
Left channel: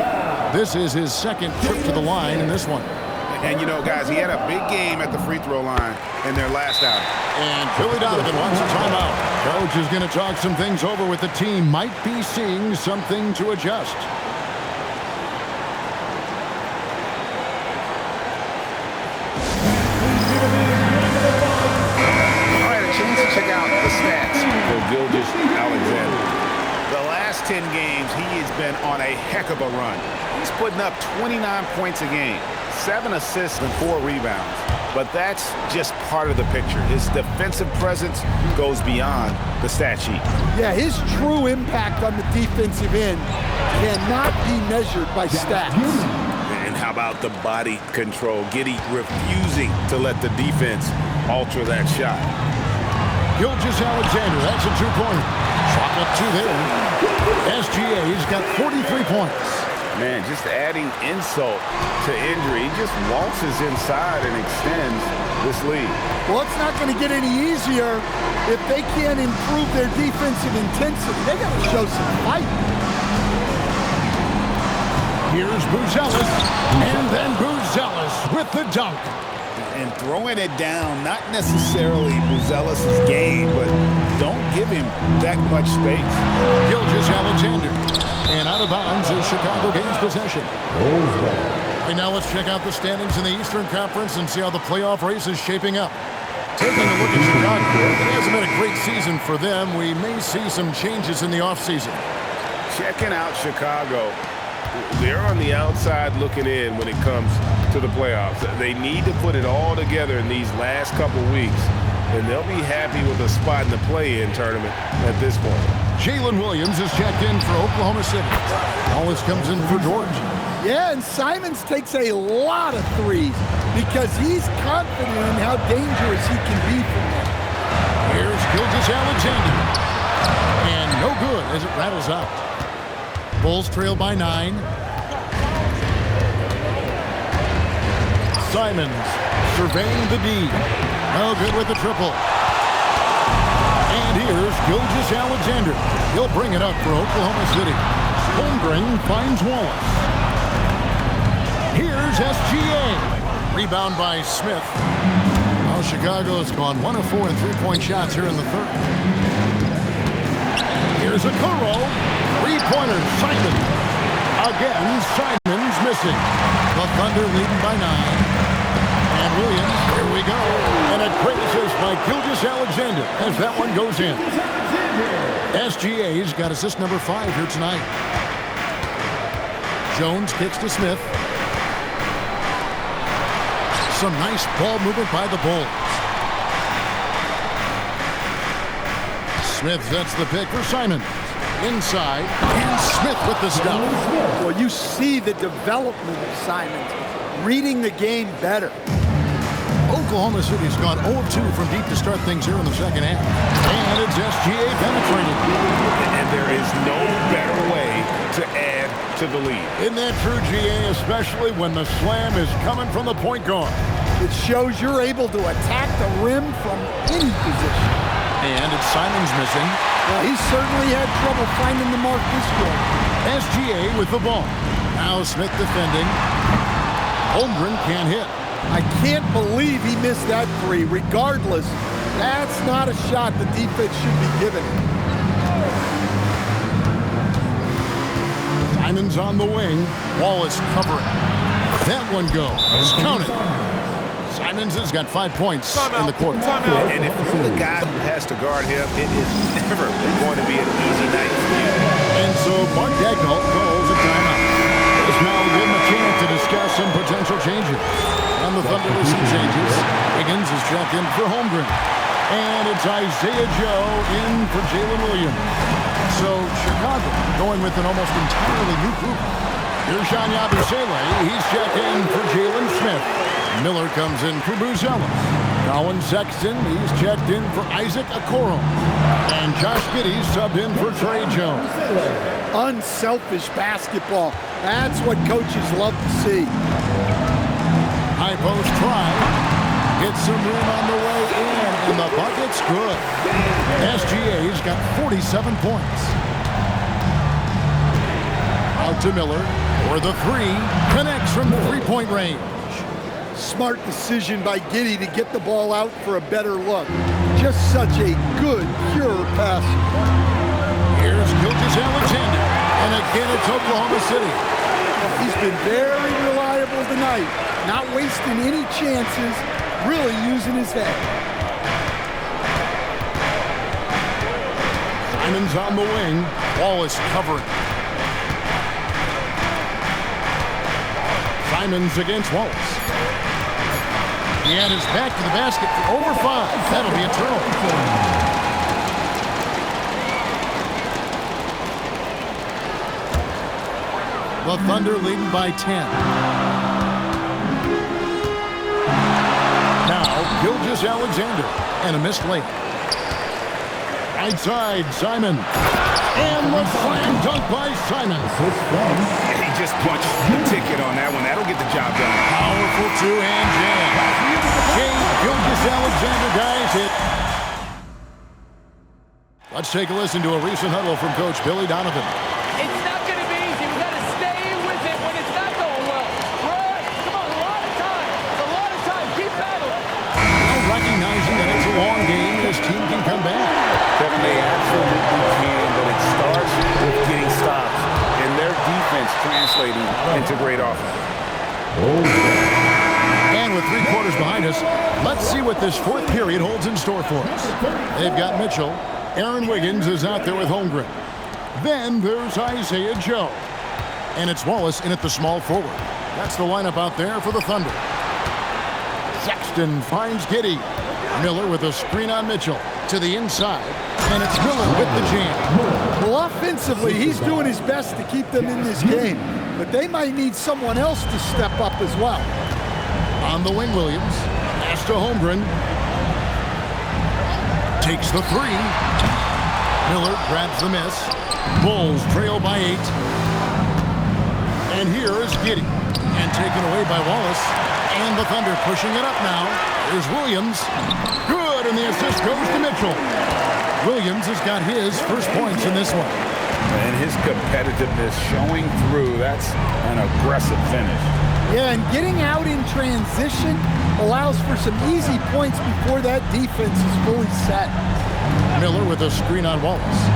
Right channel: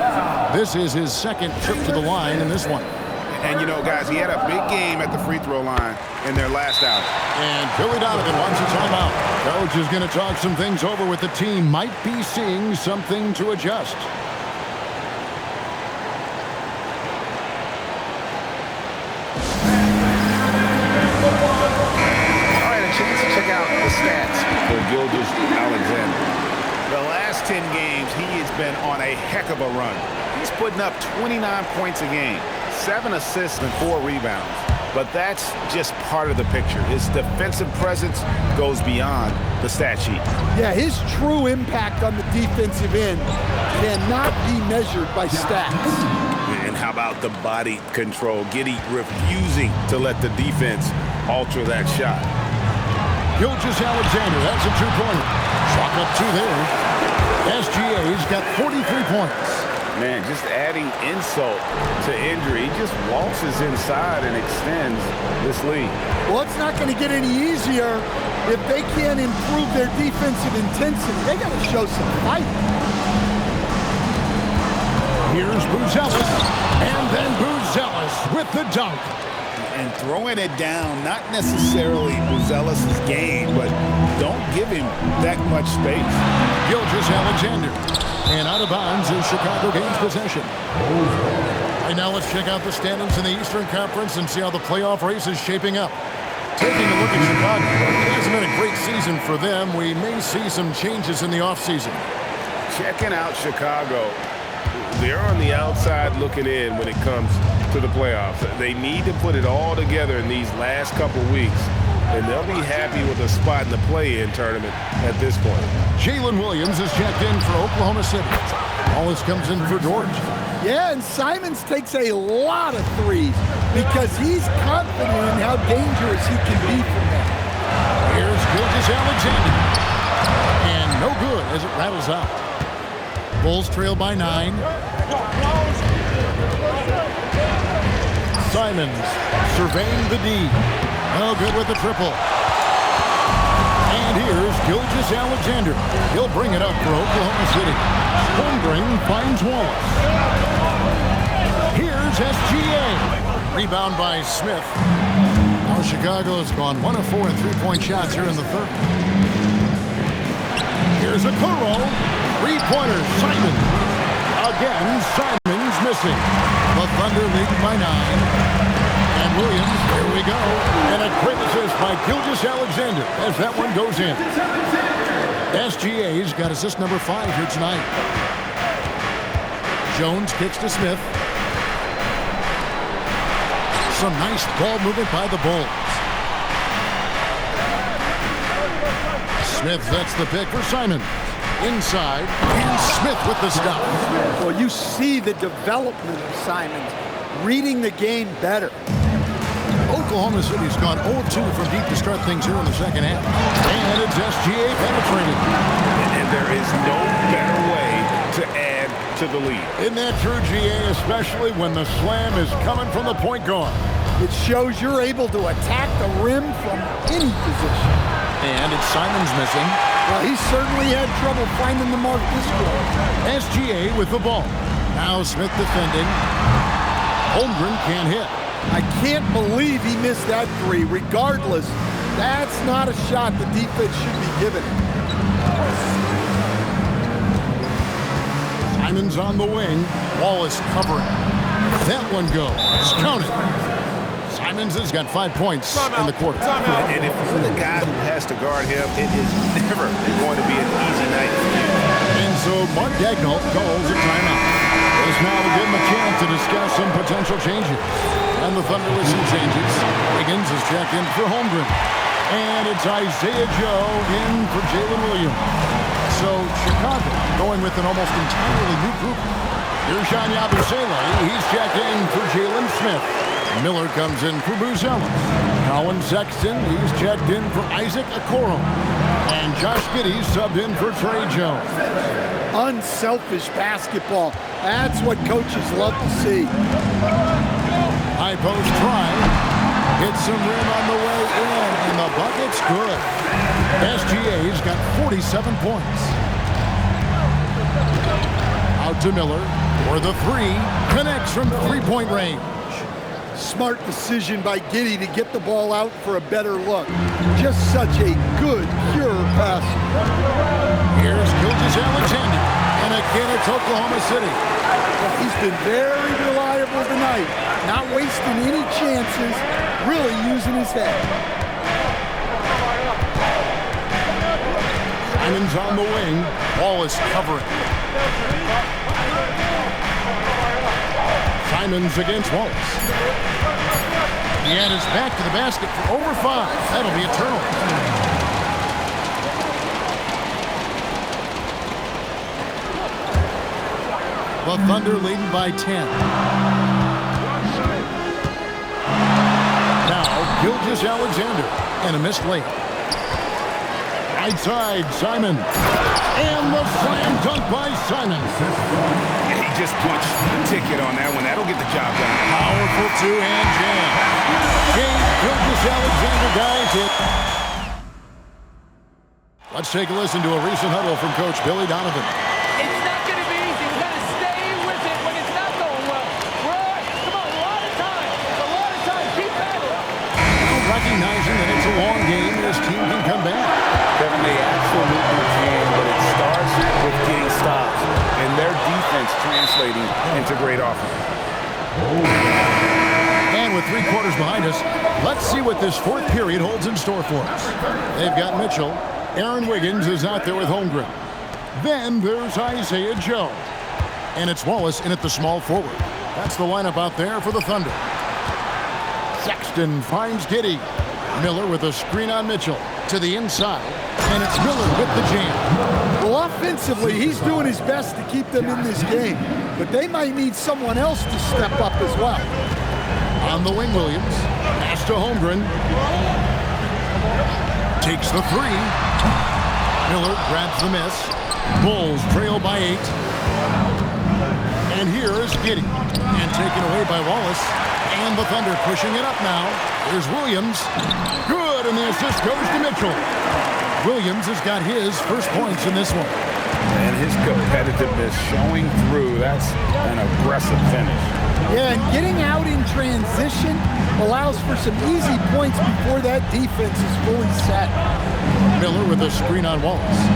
This is his 2nd trip to the line in this one. And, you know, guys, he had a big game at the free throw line in their last outing. And Billy Donovan wants a timeout. Coach is going to talk some things over with the team. Might be seeing something to adjust. Chance to check out the stats for Gilgeous-Alexander. The last 10 games, he has been on a heck of a run. He's putting up 29 points a game, 7 assists and 4 rebounds. But that's just part of the picture. His defensive presence goes beyond the stat sheet. Yeah, his true impact on the defensive end cannot be measured by stats. And how about the body control? Giddey refusing to let the defense alter that shot. Gilgeous-Alexander, that's a 2-pointer. Chalk up 2 there. SGA's got 43 points. Man, just adding insult to injury. He just waltzes inside and extends this lead. Well, it's not going to get any easier if they can't improve their defensive intensity. They got to show some fight. Here's Buzelis, and then Buzelis with the dunk. And throwing it down, not necessarily Buzelis' game, but don't give him that much space. Gilgeous-Alexander. And out of bounds as Chicago gains possession. Right now, let's check out the standings in the Eastern Conference and see how the playoff race is shaping up. Taking a look at Chicago, it hasn't been a great season for them. We may see some changes in the offseason. Checking out Chicago. They're on the outside looking in when it comes to the playoffs. They need to put it all together in these last couple weeks, and they'll be happy with a spot in the play-in tournament at this point. Jalen Williams is checked in for Oklahoma City. Wallace comes in for Georgia. Yeah, and Simons takes a lot of threes because he's confident in how dangerous he can be from there. Here's Gilgeous-Alexander. And no good as it rattles out. Bulls trail by 9. Simons surveying the D. No good with the triple. And here's Gilgeous-Alexander. He'll bring it up for Oklahoma City. Holmgren finds Wallace. Here's SGA. Rebound by Smith. Now Chicago has gone 1 of 4 in 3-point shots here in the third. Here's Okoro. 3-pointer, Simon. Again, Simon's missing. The Thunder leading by 9. And Williams, here we go. And a great assist by Gilgeous-Alexander as that one goes in. SGA's got assist number 5 here tonight. Jones kicks to Smith. Some nice ball movement by the Bulls. Smith sets the pick for Simons. Inside, and Smith with the stop. Well, you see the development of Simons, reading the game better. Oklahoma City's gone 0-2 from deep to start things here in the second half. And it's SGA penetrating. And there is no better way to add to the lead. Isn't that true, GA, especially when the slam is coming from the point guard? It shows you're able to attack the rim from any position. And it's Simons missing. Well, he certainly had trouble finding the mark this quarter. SGA with the ball. Now Smith defending. Holmgren can't hit. I can't believe he missed that three. Regardless, that's not a shot the defense should be giving him. Simons on the wing. Wallace covering. That one goes. Counted. Simons has got 5 points in the quarter. And if you're the guy who has to guard him, it is never going to be an easy night for you. And so Mark Daigneault calls a timeout. Let's now give him a chance to discuss some potential changes. And the Thunder with some changes. Wiggins is checked in for Holmgren. And it's Isaiah Joe in for Jalen Williams. So Chicago going with an almost entirely new group. Here's Jean Yabusele. He's checked in for Jalen Smith. Miller comes in for Buzelis. Colin Sexton, he's checked in for Isaac Okoro. And Josh Giddey subbed in for Trey Jones. Unselfish basketball. That's what coaches love to see. High post try. Hits some rim on the way in, and the bucket's good. SGA's got 47 points. Out to Miller for the three. Connects from three-point range. Smart decision by Giddey to get the ball out for a better look. Just such a good, pure passer. Here's Gilgeous-Alexander. And again, it's Oklahoma City. Well, he's been very reliable tonight. Not wasting any chances. Really using his head. Simons on the wing. Wallace covering. Simons against Wallace. He had his back to the basket for over 5. That'll be a turnover. The Thunder leading by 10. Now, Gilgeous-Alexander and a missed layup. Right side, Simon. And the slam dunk by Simon. Yeah, he just punched the ticket on that one. That'll get the job done. Powerful two-hand jam. Shea Gilgeous-Alexander, guys, hit. Let's take a listen to a recent huddle from Coach Billy Donovan. It's not going to be easy. We've got to stay with it when it's not going well. Come on, a lot of time. Keep battling. Now recognizing that it's a long game, his team can come back. Kevin, they absolutely can, but it starts with getting stops and their defense translating into great offense. And with 3 quarters behind us, let's see what this fourth period holds in store for us. They've got Mitchell. Aaron Wiggins is out there with Holmgren. Then there's Isaiah Joe. And it's Wallace in at the small forward. That's the lineup out there for the Thunder. Sexton finds Giddey. Miller with a screen on Mitchell. To the inside. And it's Miller with the jam. Well, offensively, he's doing his best to keep them in this game. But they might need someone else to step up as well. On the wing, Williams. Pass to Holmgren. Takes the 3. Miller grabs the miss. Bulls trail by 8. And here is Giddey. And taken away by Wallace. And the Thunder pushing it up now. Here's Williams. Good, and the assist goes to Mitchell. Williams has got his first points in this one. And his competitiveness showing through. That's an aggressive finish. Yeah, and getting out in transition allows for some easy points before that defense is fully set. Miller with a screen on Wallace.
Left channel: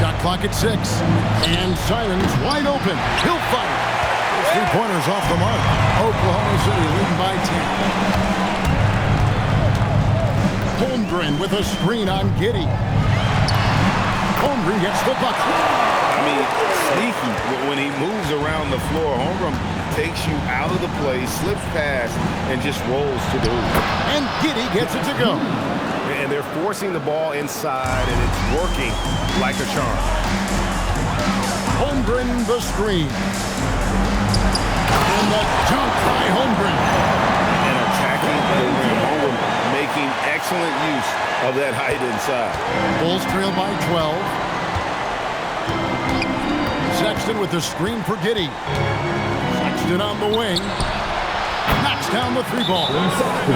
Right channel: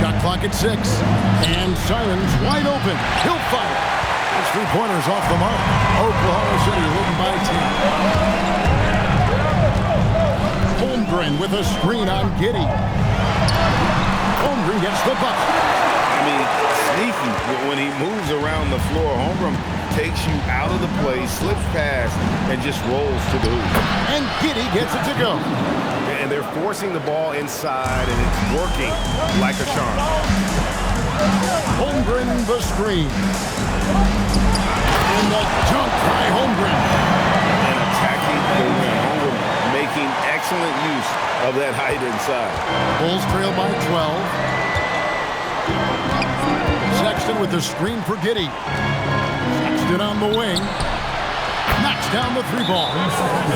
Shot clock at 6. And Simons wide open. He'll fire. His 3-pointers off the mark. Oklahoma City leading by 10. Holmgren with a screen on Giddey. Holmgren gets the bucket. I mean, sneaky when he moves around the floor. Holmgren takes you out of the play, slips past, and just rolls to the hoop. And Giddey gets it to go. And they're forcing the ball inside, and it's working like a charm. Holmgren the screen. And the dunk by Holmgren. And attacking the rim. Holmgren making excellent use of that height inside. Bulls trail by 12. Sexton with the screen for Giddey. Sexton on the wing. Knocks down the three ball.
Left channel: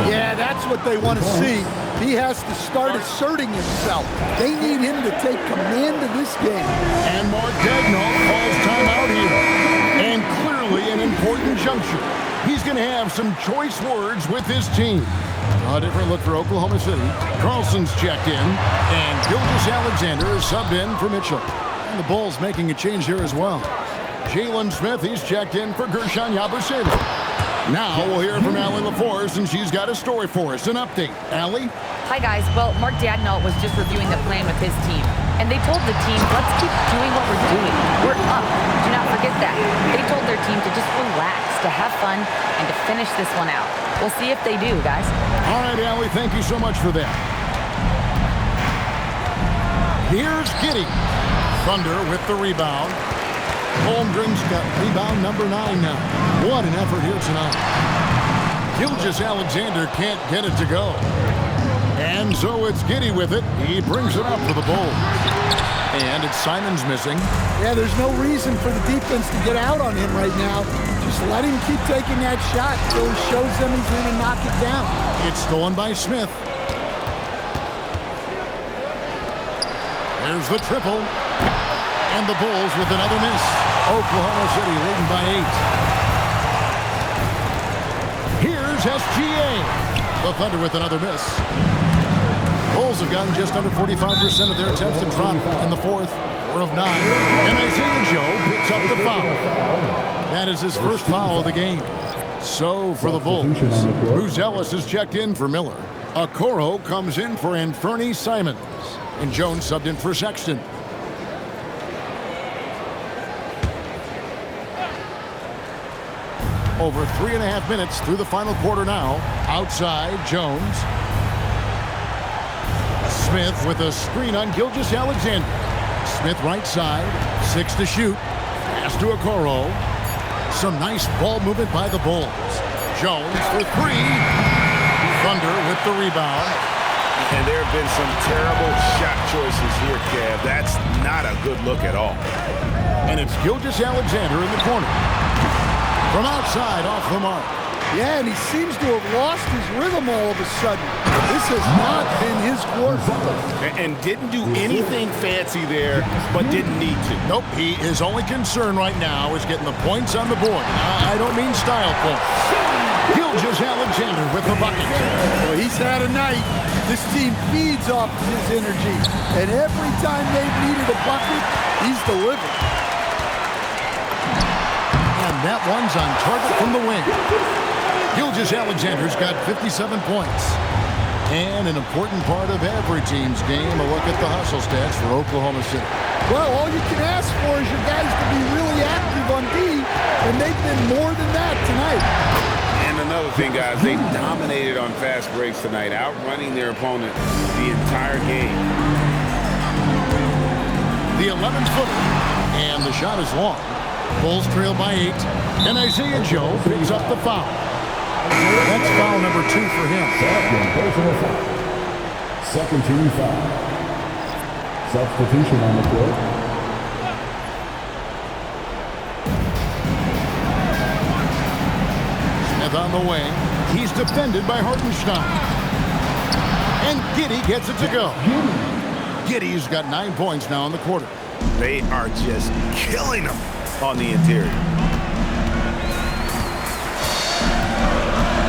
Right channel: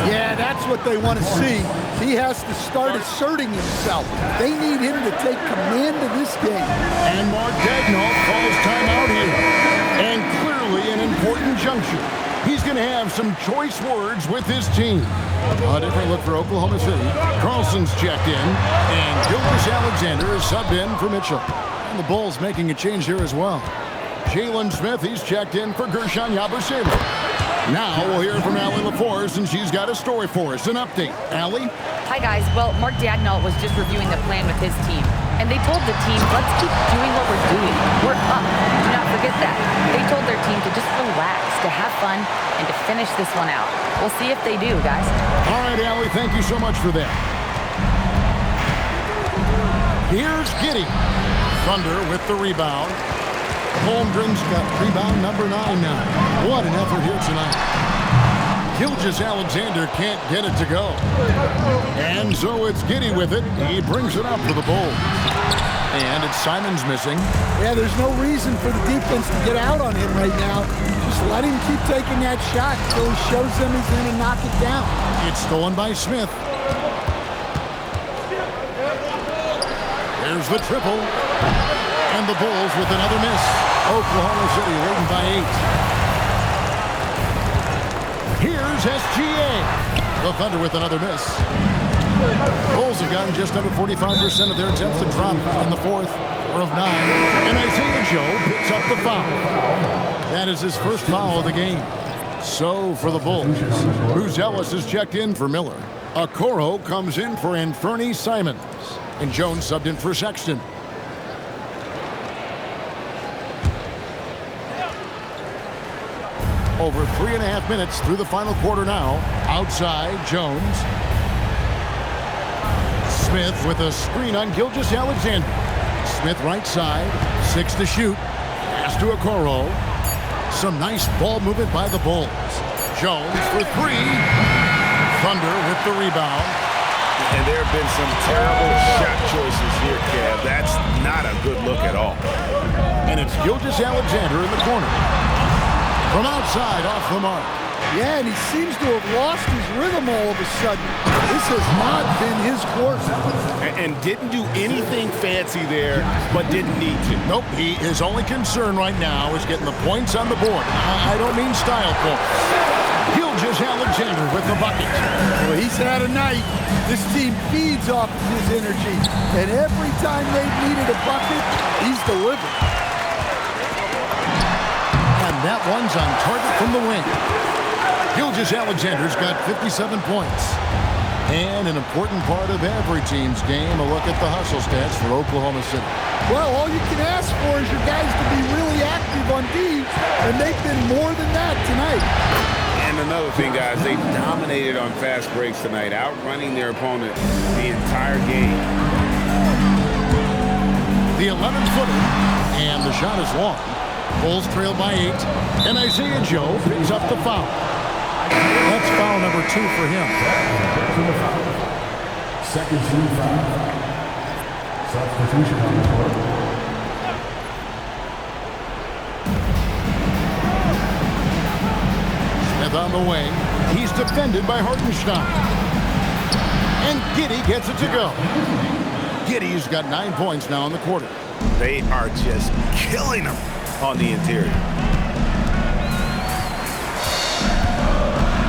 Yeah, that's what they want to see. He has to start asserting himself. They need him to take command of this game. And Mark Daigneault calls timeout here. And clearly an important juncture. He's going to have some choice words with his team. A different look for Oklahoma City. Carlson's checked in. And Gilgeous-Alexander is subbed in for Mitchell. And the Bulls making a change here as well. Jalen Smith, he's checked in for Gershon Yabusele. Now we'll hear from Allie LaForce, and she's got a story for us. An update. Allie? Hi, guys. Well, Mark Daigneault was just reviewing the plan with his team. And they told the team, let's keep doing what we're doing. We're up. Do not forget that. They told their team to just relax, to have fun, and to finish this one out. We'll see if they do, guys. All right, Allie, thank you so much for that. Here's Giddey. Thunder with the rebound. Holmgren's got rebound number 9 now. What an effort here tonight. Gilgeous-Alexander can't get it to go. And so it's Giddey with it. He brings it up for the Bulls. And it's Simons missing. Yeah, there's no reason for the defense to get out on him right now. Just let him keep taking that shot until he shows them he's going to knock it down. It's stolen by Smith. There's the triple. And the Bulls with another miss. Oklahoma City leading by 8. Here's SGA. The Thunder with another miss. Bulls have gotten just under 45% of their attempts to drop in the fourth. 4 of 9. And Isaiah Joe picks up the foul. That is his first foul of the game. So for the Bulls, Buzelis is checked in for Miller. Okoro comes in for Anthony Simons. And Jones subbed in for Sexton. Over 3.5 minutes through the final quarter now. Outside, Jones. Smith with a screen on Gilgeous-Alexander. Smith right side, 6 to shoot. Pass to Okoro. Some nice ball movement by the Bulls. Jones for 3. Thunder with the rebound. And there have been some terrible shot choices here, Kev. That's not a good look at all. And it's Gilgeous-Alexander in the corner. From outside, off the mark. Yeah, and he seems to have lost his rhythm all of a sudden. This has not been his quarter. And didn't do anything fancy there, but didn't need to. Nope, his only concern right now is getting the points on the board. I don't mean style points. Gilgeous-Alexander with the bucket. Well, he's had a night. This team feeds off of his energy. And every time they've needed a bucket, he's delivered. And that one's on target from the wing. Gilgeous-Alexander's got 57 points. And an important part of every team's game, a look at the hustle stats for Oklahoma City. Well, all you can ask for is your guys to be really active on D, and they've been more than that tonight. And another thing, guys, they dominated on fast breaks tonight, outrunning their opponent the entire game. The 11-footer, and the shot is long. Bulls trail by 8, and Isaiah Joe picks up the foul. That's foul number 2 for him. Second team foul. Substitution on the court. Smith on the wing. He's defended by Hartenstein. And Giddey gets it to go. Giddey's got 9 points now in the quarter. They are just killing them on the interior.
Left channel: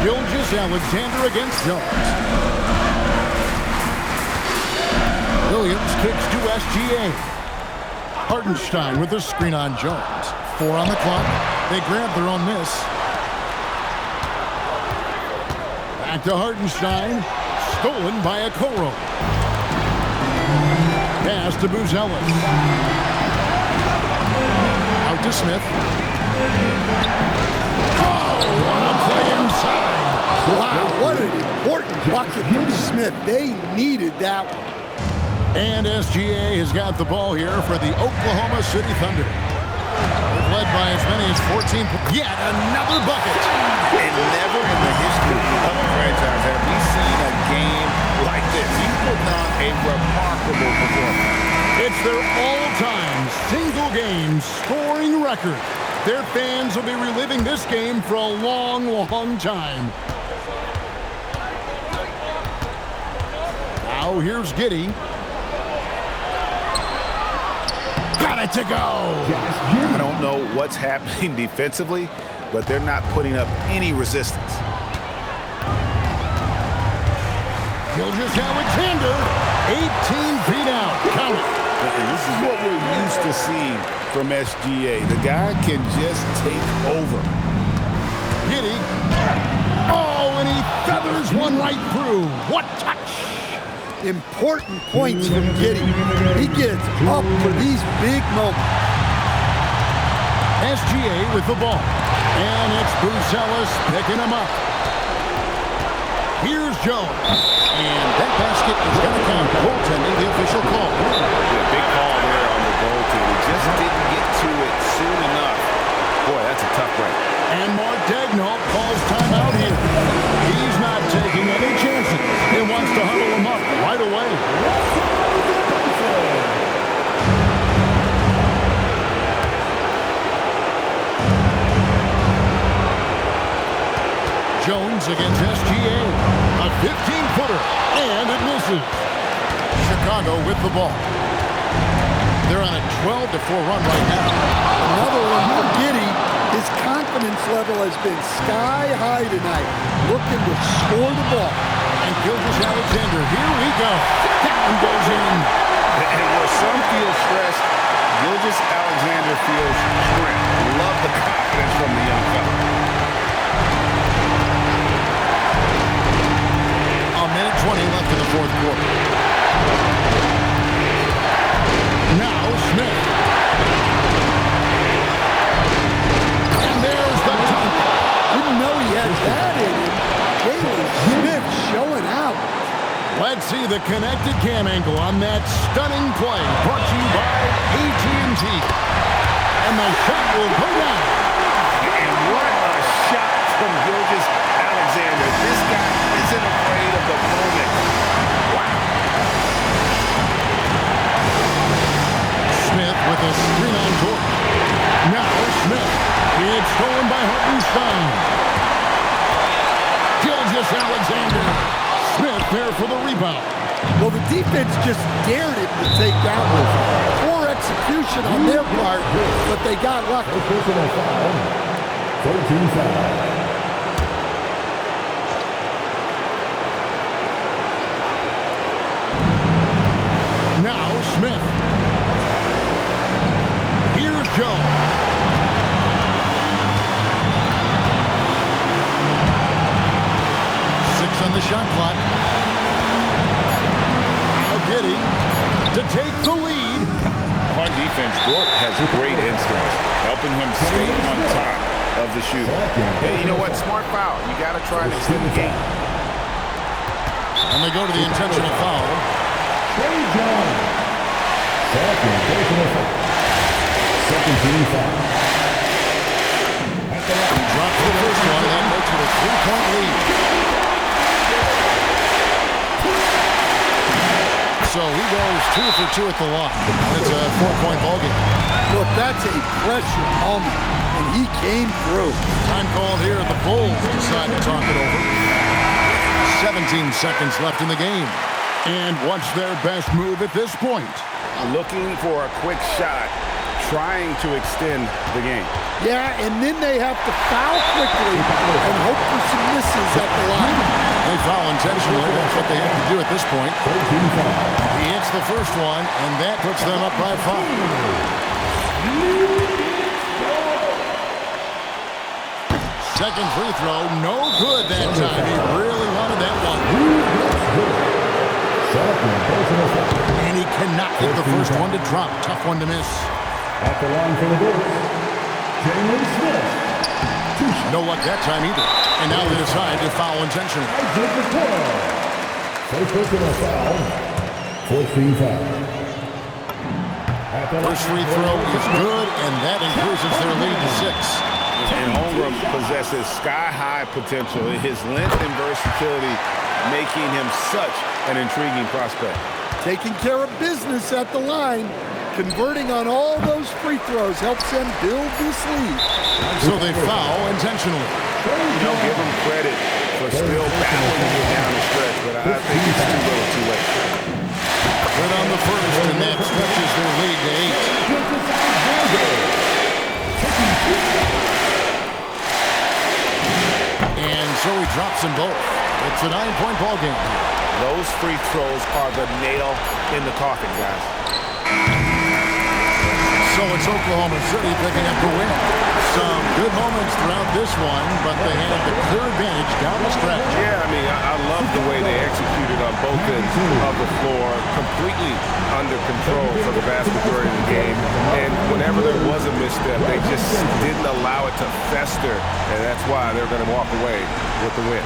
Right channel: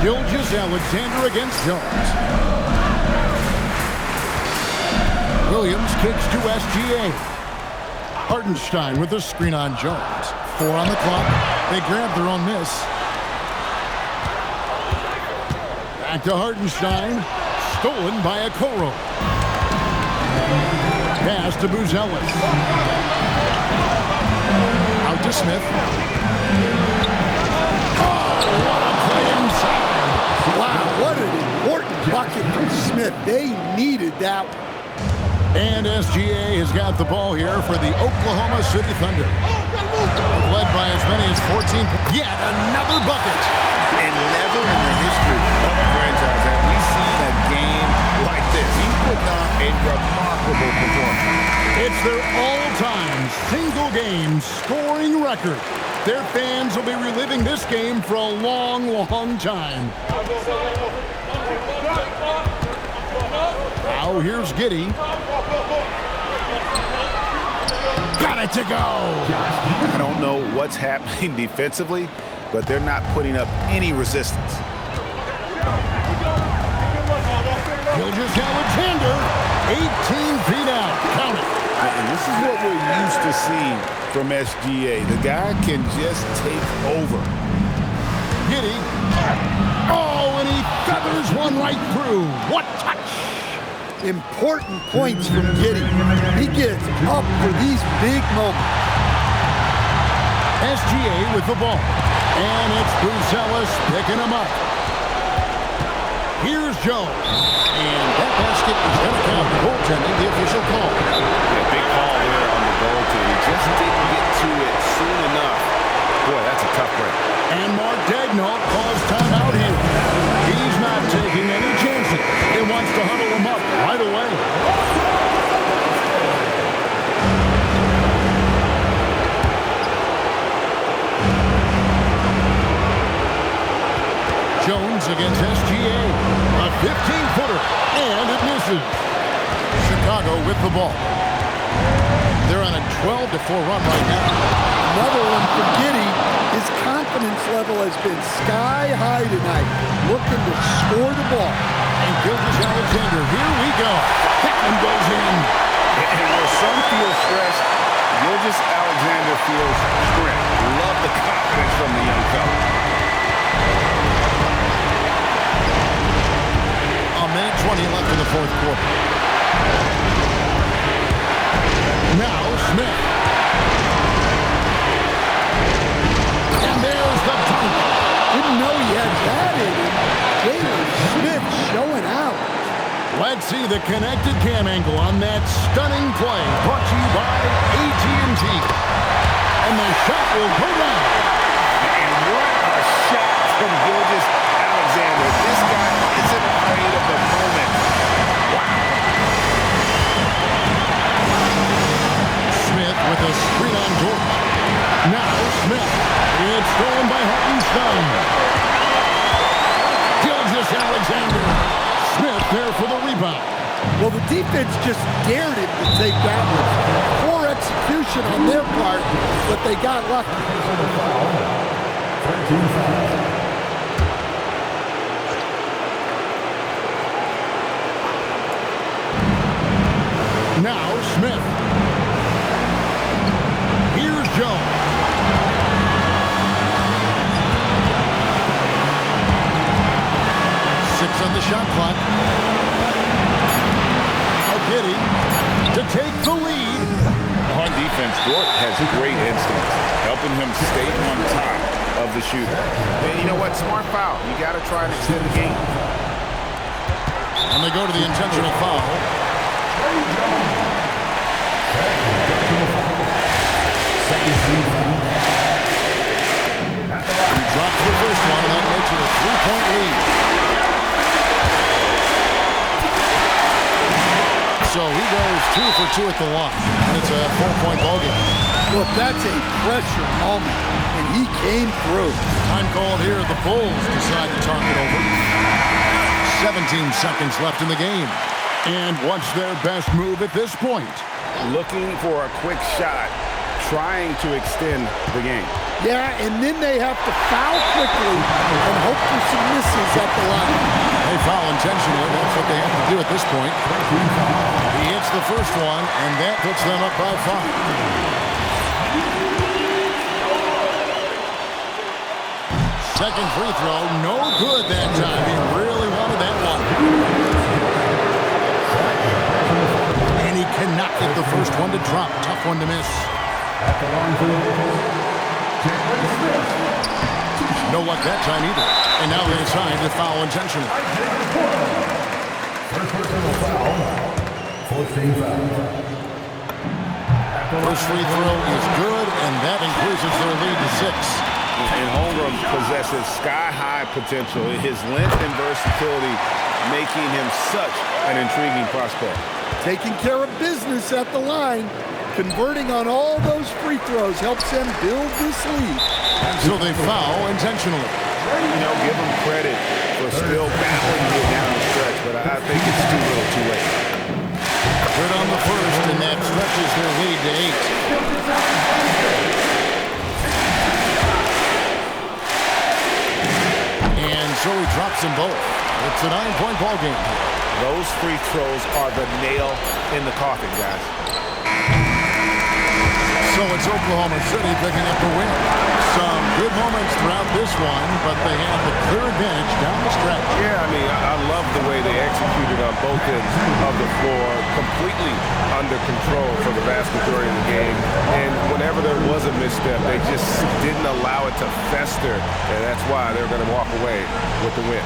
Gilgeous-Alexander against Jones. Williams kicks to SGA. Hartenstein with the screen on Jones. 4 on the clock. They grab their own miss. Back to Hartenstein. Stolen by Okoro. Pass to Buzelis. Out to Smith. Oh, what a play inside. Wow, what an important bucket from Smith. They needed that one. And SGA has got the ball here for the Oklahoma City Thunder. They've led by as many as 14. Yet another bucket. And never in the history of a franchise have we seen a game like this. He's putting on a remarkable performance. It's their all-time single-game scoring record. Their fans will be reliving this game for a long, long time. Now here's Giddey. Got it to go. I don't know what's happening defensively, but they're not putting up any resistance. Gilgeous-Alexander, 18 feet out. Count it. And this is what we're used to seeing from SGA. The guy can just take over. Giddey. Oh, and he feathers one right through. What touch. Important points from Giddey. He gets up for these big moments. SGA with the ball. And it's Buzelis picking him up. Here's Jones. And that basket is going to count. Goaltending, the official call. Yeah, big call there on the goaltend. He just didn't get to it soon enough. Boy, that's a tough break. And Mark Daigneault calls timeout here. He's not taking any chances. He wants to huddle him up right away. Jones against SGA. A 15-footer, and it misses. Chicago with the ball. They're on a 12-4 run right now. Another one for Giddey. His confidence level has been sky high tonight, looking to score the ball. And Gilgeous-Alexander, here we go. That one goes in. And where some feel stressed, Gilgeous-Alexander feels strength. Love the confidence from the young fella. A minute 20 left in the fourth quarter. Now Smith. And there's the dunk. Didn't know he had that in him. Jalen Smith showing out. Let's see the connected cam angle on that stunning play brought to you by AT&T. And the shot will go down. And what a shot from Gilgeous-Alexander. This guy isn't afraid of the moment. Wow. Smith with a screen on George. Now Smith. It's stolen by Hartenstein. Gilgeous-Alexander. Smith there for the rebound. Well, the defense just dared him to take that one. Poor execution on their part, but they got lucky. Now Smith. Here's Jones. Six on the shot clock. Now Giddey to take the lead. On defense, Dort has great instincts, helping him stay on top of the shooter. And you know what? Smart foul. You got to try and extend the game. And they go to the intentional foul. He drops the first one, and that makes it a 3-point lead. So he goes 2 for 2 at the line, and it's a 4-point ballgame. Look, that's a pressure moment, and he came through. Time called here. The Bulls decide to talk it over. 17 seconds left in the game. And what's their best move at this point? Looking for a quick shot, trying to extend the game. Yeah, and then they have to foul quickly and hope for some misses at the line. They foul intentionally. That's what they have to do at this point. He hits the first one, and that puts them up by 5. Second free throw, no good that time. He really wanted that one. And he cannot get the first one to drop. Tough one to miss. At the line for the Bulls, Jalen Smith. No luck that time either. And now they decide to foul intentionally. First personal foul. 14 foul. First free throw is good, and that increases their lead to 6. And Holmgren possesses sky-high potential. His length and versatility making him such an intriguing prospect. Taking care of business at the line, converting on all those free throws helps them build this lead. So they foul intentionally. You know, give him credit for still battling to get down the stretch, but I think it's too little too late. Good on the first, and that stretches their lead to 8. And so he drops them both. It's a 9-point ball game here. Those free throws are the nail in the coffin, guys. So it's Oklahoma City picking up the win. Some good moments throughout this one, but they had the clear advantage down the stretch. Yeah, I mean, I love the way they executed on both ends of the floor, completely under control for the vast majority of the game. And whenever there was a misstep, they just didn't allow it to fester, and that's why they're going to walk away with the win.